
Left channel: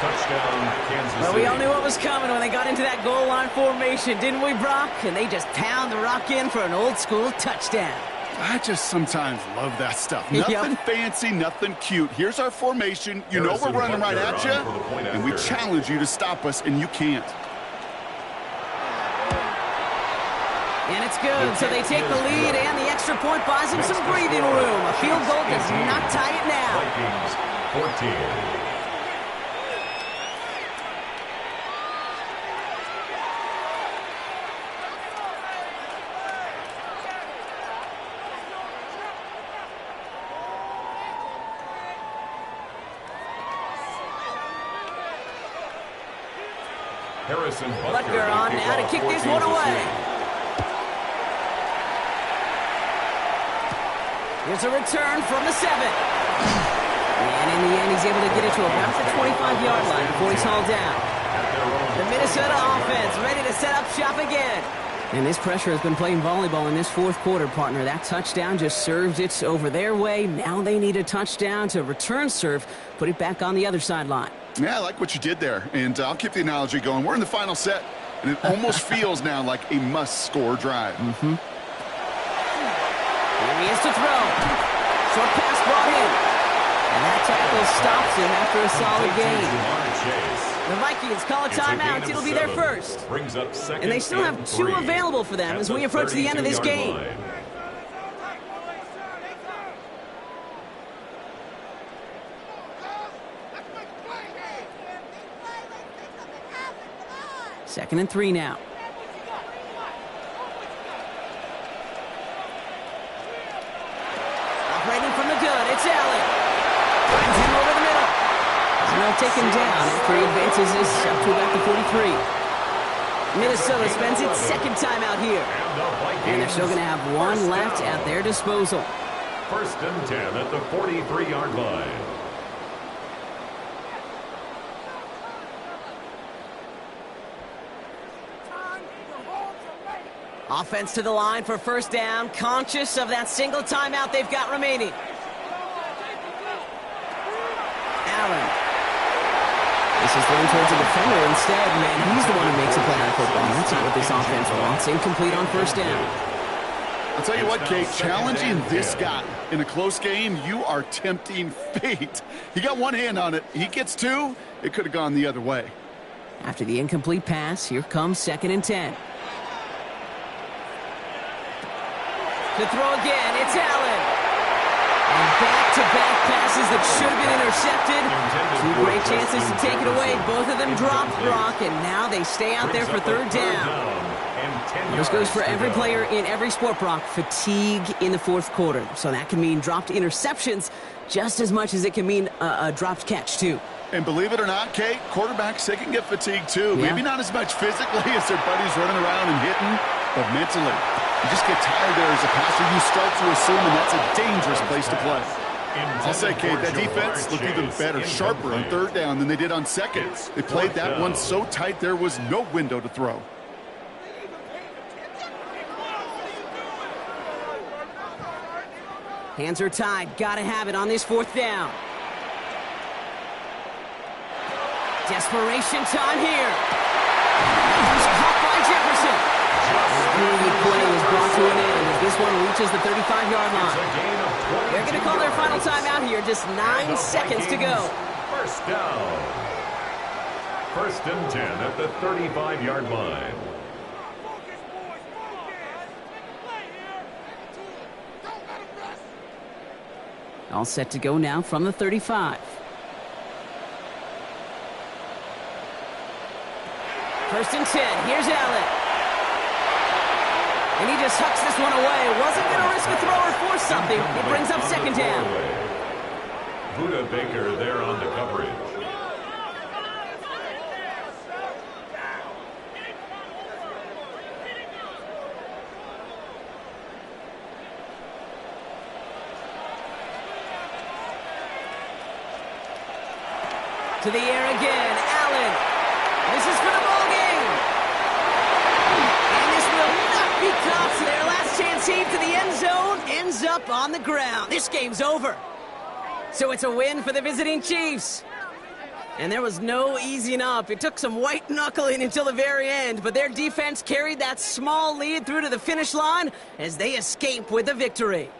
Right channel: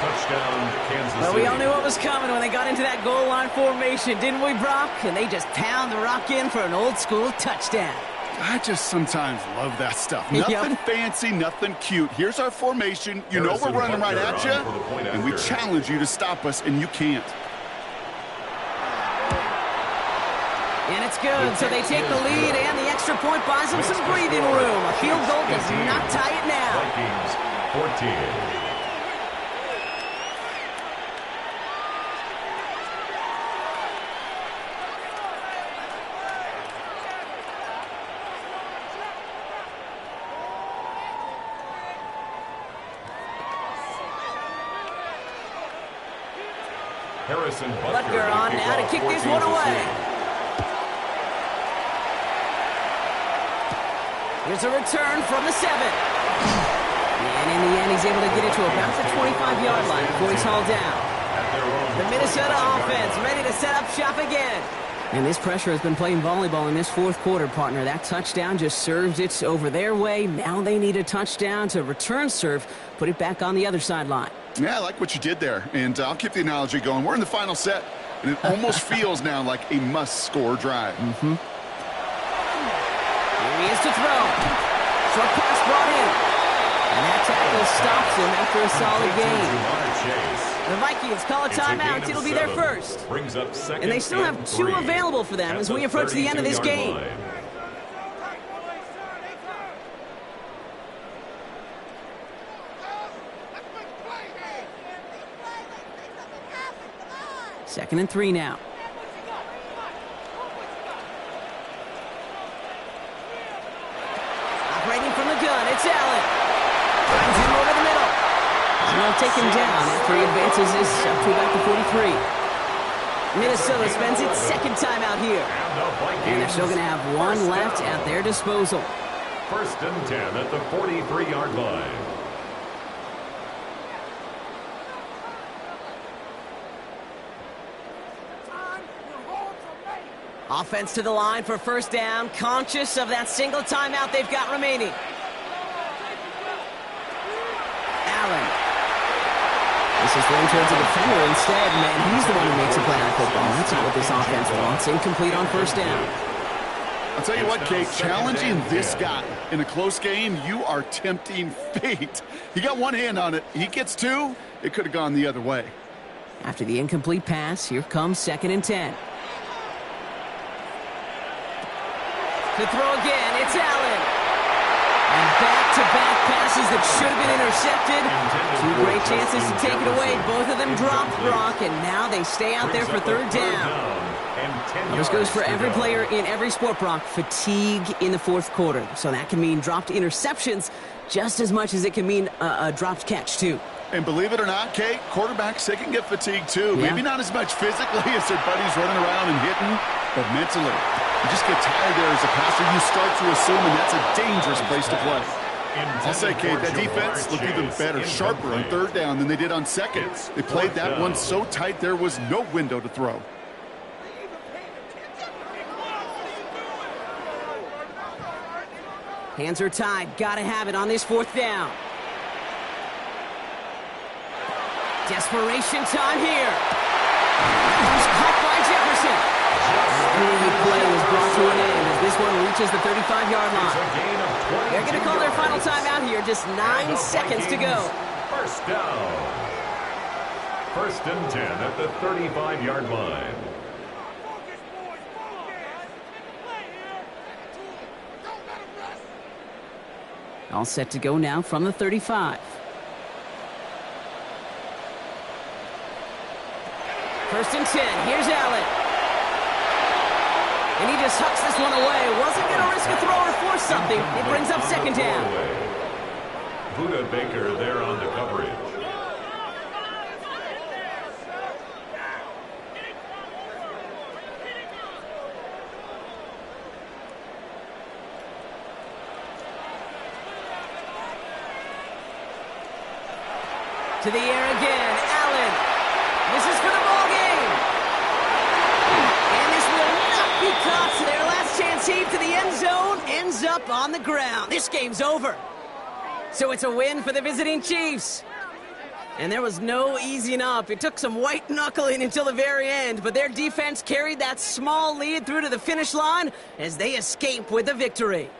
Touchdown, Kansas City. Well, we all knew what was coming when they got into that goal line formation, didn't we, Brock? And they just pound the rock in for an old-school touchdown. I just sometimes love that stuff. Nothing fancy, nothing cute. Here's our formation. You know we're running right at you, and we challenge you to stop us, and you can't. And it's good, so they take the lead, and the extra point buys them some breathing room. A field goal does not tie it now. Vikings, 14. Harrison Butker on now to kick this one away. Here's a return from the 7. And in the end, he's able to get it to about the 25-yard line before he's hauled down. The Minnesota offense ready to set up shop again. And this pressure has been playing volleyball in this 4th quarter, partner. That touchdown just served it over their way. Now they need a touchdown to return serve, put it back on the other sideline. Yeah, I like what you did there. And I'll keep the analogy going. We're in the final set, and it almost feels now like a must-score drive. Mm-hmm. Here he is to throw. Short pass brought in. And that tackle stops him after a solid gain. The Vikings call a timeout. It'll be their first. And they still have 2 available for them as we approach the end of this game. Second and 3 now. Operating from the gun, it's Allen. Finds him over the middle. And they'll take him down after he advances this up to about the 43. Minnesota spends its 2nd timeout here. And they're still going to have 1 left at their disposal. First and 10 at the 43-yard line. Offense to the line for first down, conscious of that single timeout they've got remaining. Allen. This is thrown towards a defender instead, man. He's the one who makes a play on football. That's not what this offense wants. Incomplete on first down. I'll tell you what, Kate, challenging this guy in a close game, you are tempting fate. He got 1 hand on it. He gets 2. It could have gone the other way. After the incomplete pass, here comes 2nd and 10. To throw again, it's Allen. And back-to-back passes that should have been intercepted. 2 great chances to take it away. Both of them dropped, Brock, and now they stay out there for 3rd down. Well, this goes for every player in every sport, Brock. Fatigue in the 4th quarter. So that can mean dropped interceptions just as much as it can mean a dropped catch, too. And believe it or not, Kate, quarterbacks, they can get fatigued, too. Yeah. Maybe not as much physically as their buddies running around and hitting, but mentally. You just get tired there as a passer. You start to assume, and that's a dangerous place to play. I'll say, Kate, that defense looked even better, sharper on 3rd down than they did on 2nd. They played that one so tight there was no window to throw. Hands are tied. Gotta have it on this 4th down. Desperation time here. That was caught by Jefferson. Big play was brought to an end as this one reaches the 35-yard line. They're going to call their final timeout here. Just 9 seconds to go. First down. 1st and 10 at the 35-yard line. All set to go now from the 35. 1st and 10. Here's Allen. And he just hucks this one away. Wasn't going to risk a throw or force something. It brings up 2nd down. Buda Baker there on the coverage. To the air again. Allen. This is for the ball game. And this will not be caught. So their last chance heave to the end zone ends up on the ground. This game's over. So it's a win for the visiting Chiefs. And there was no easing up. It took some white knuckling until the very end, but their defense carried that small lead through to the finish line as they escape with the victory.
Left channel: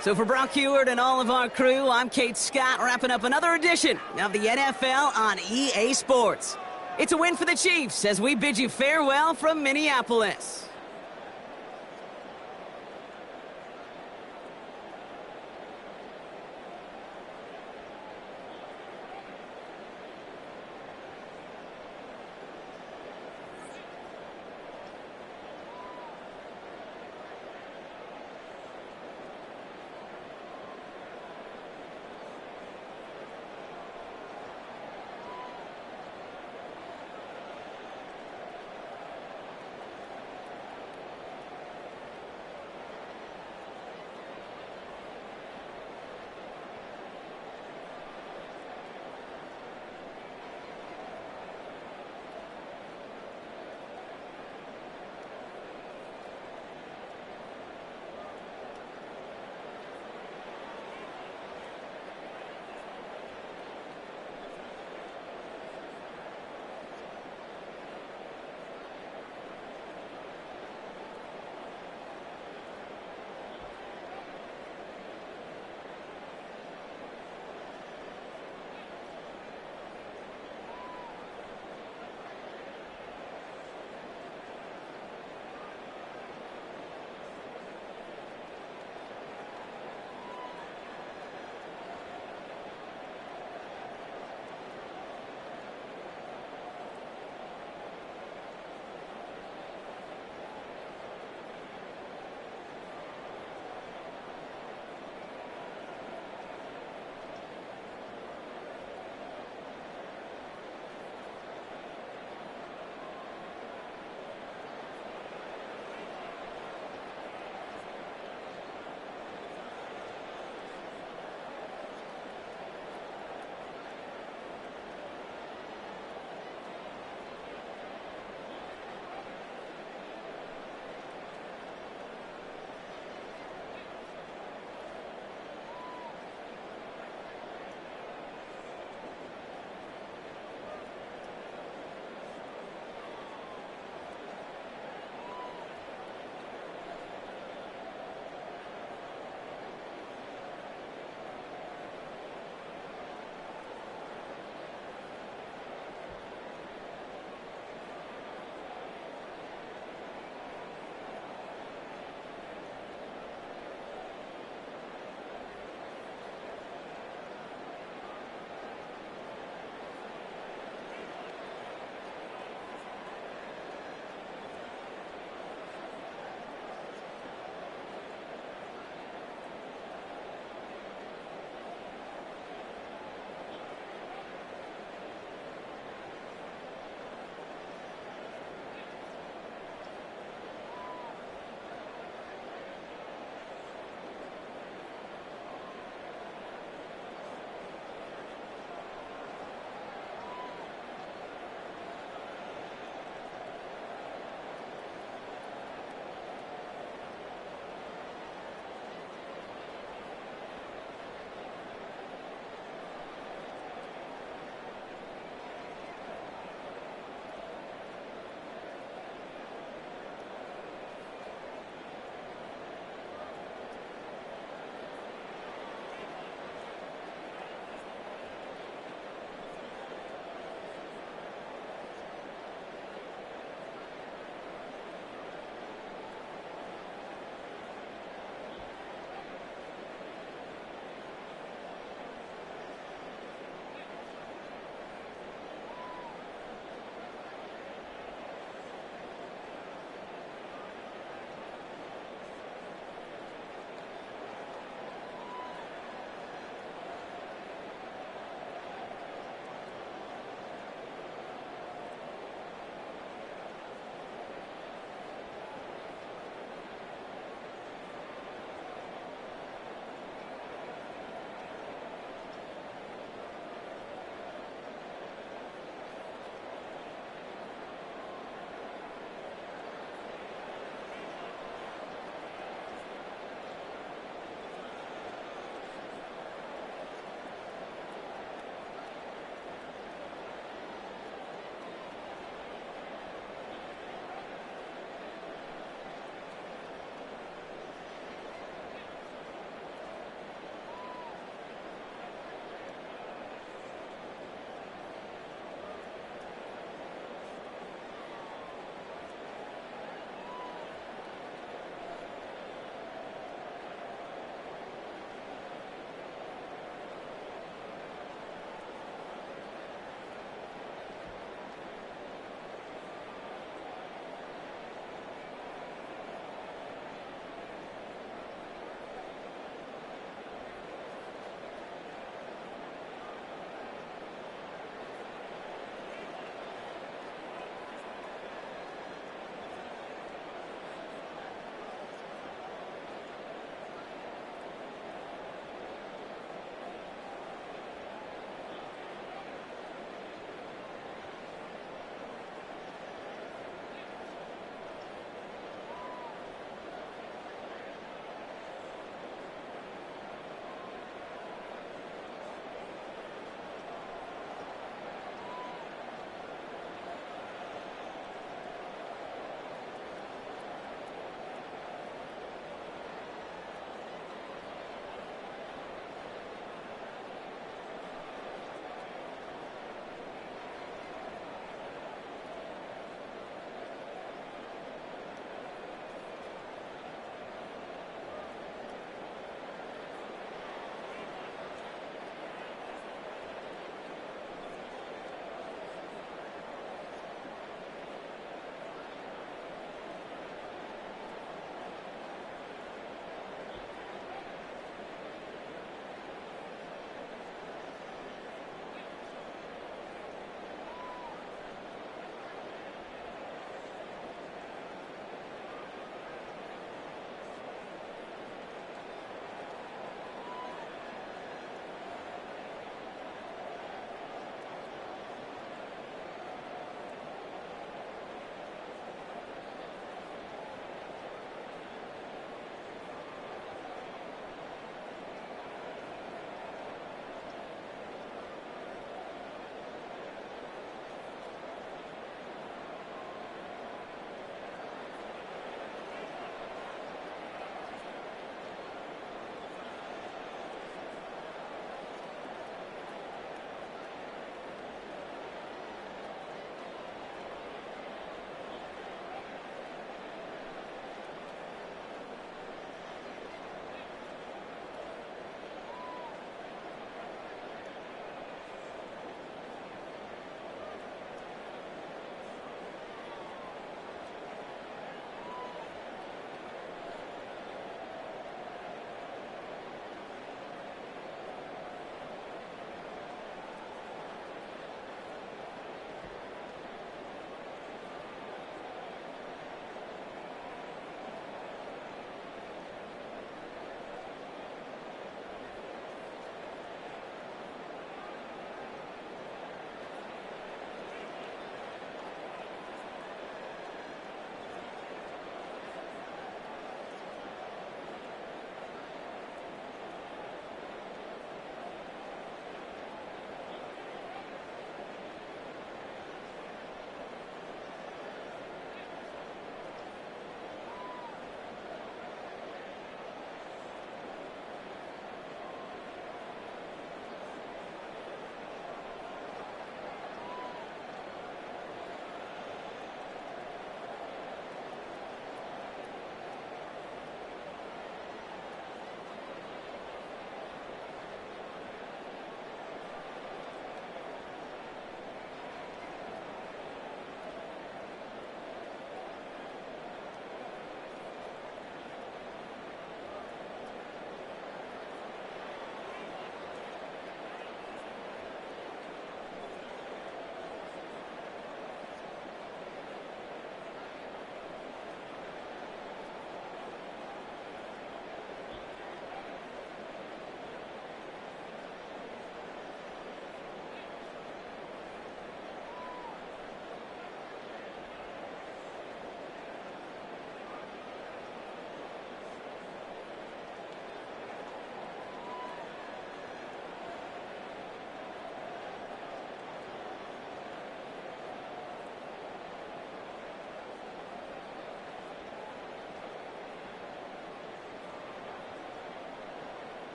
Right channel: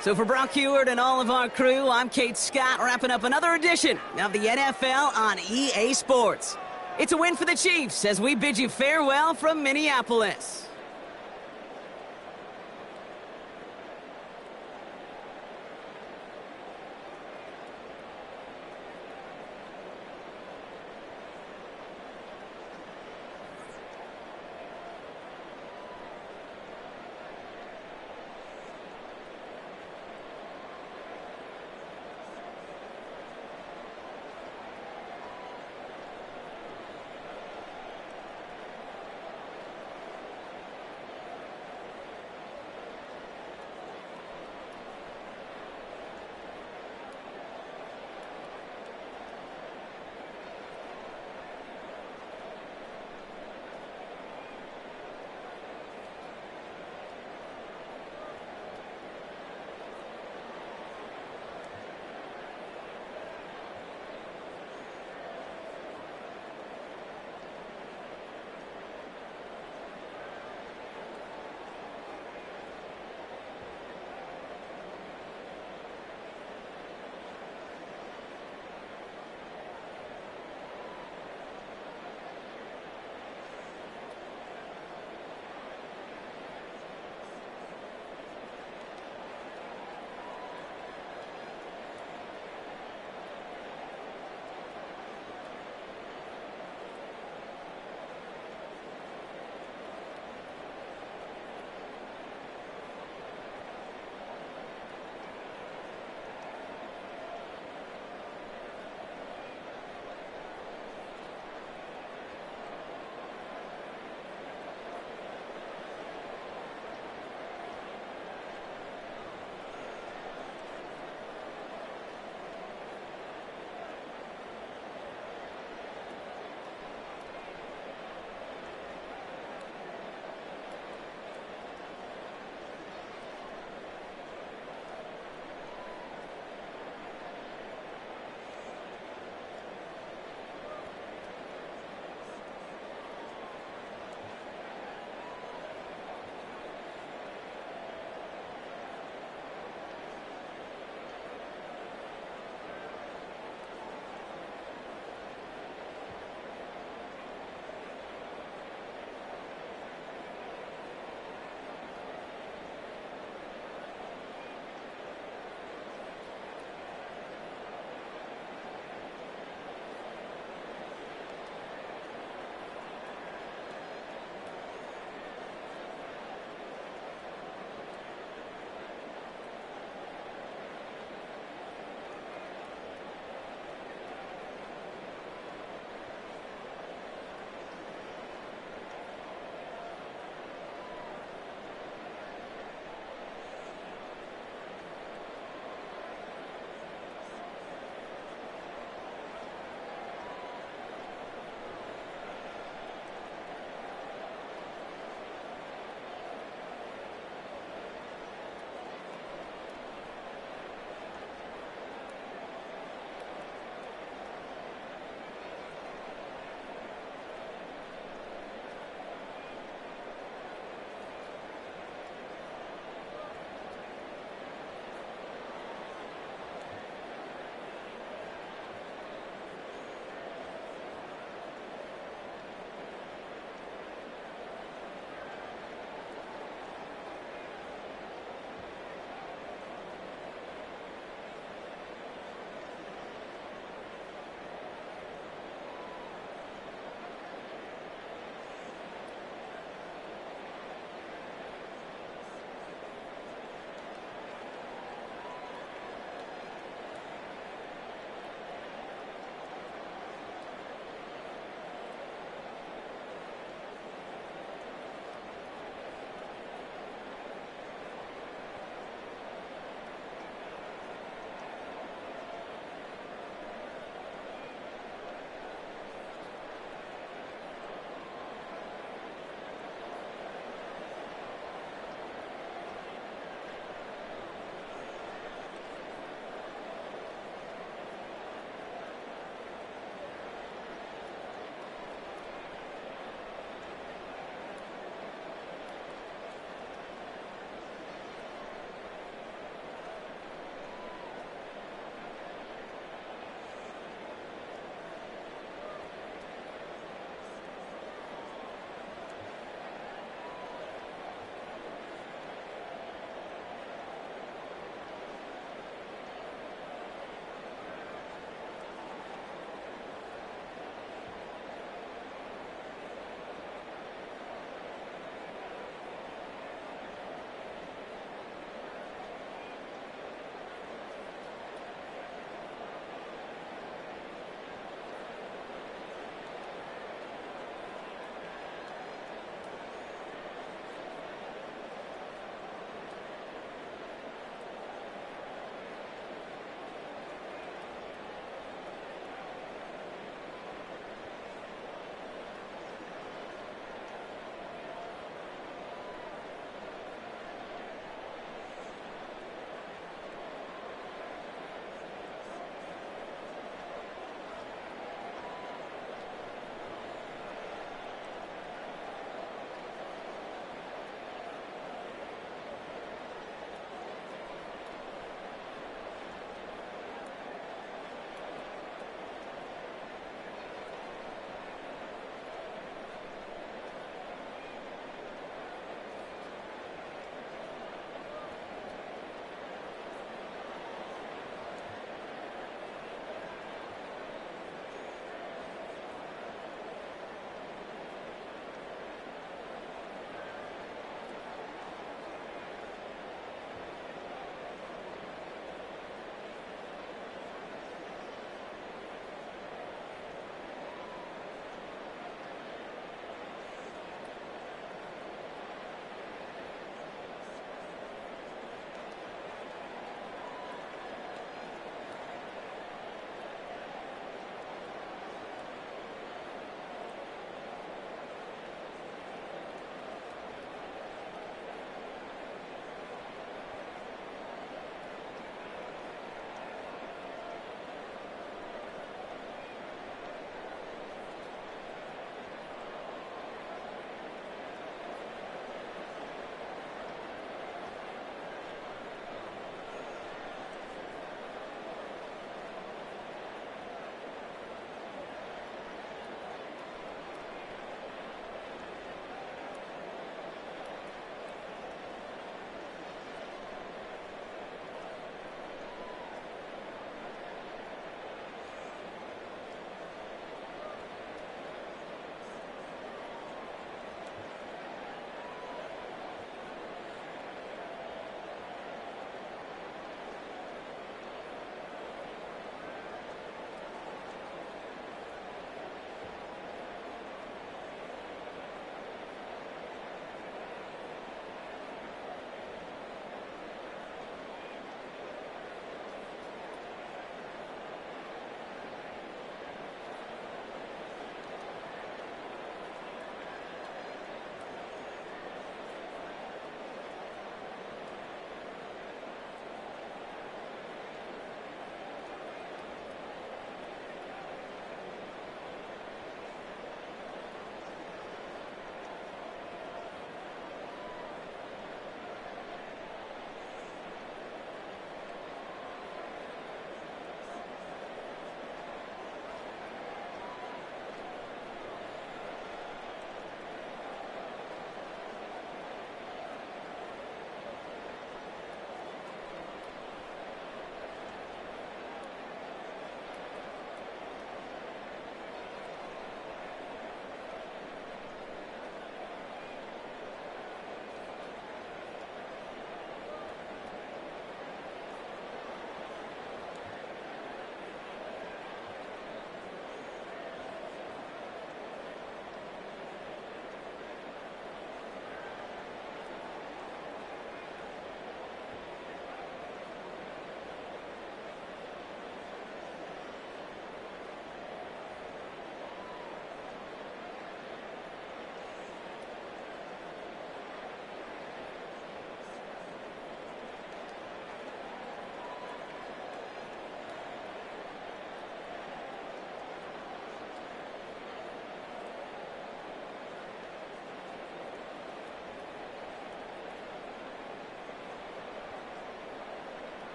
So for Brock Huard and all of our crew, I'm Kate Scott, wrapping up another edition of the NFL on EA Sports. It's a win for the Chiefs as we bid you farewell from Minneapolis.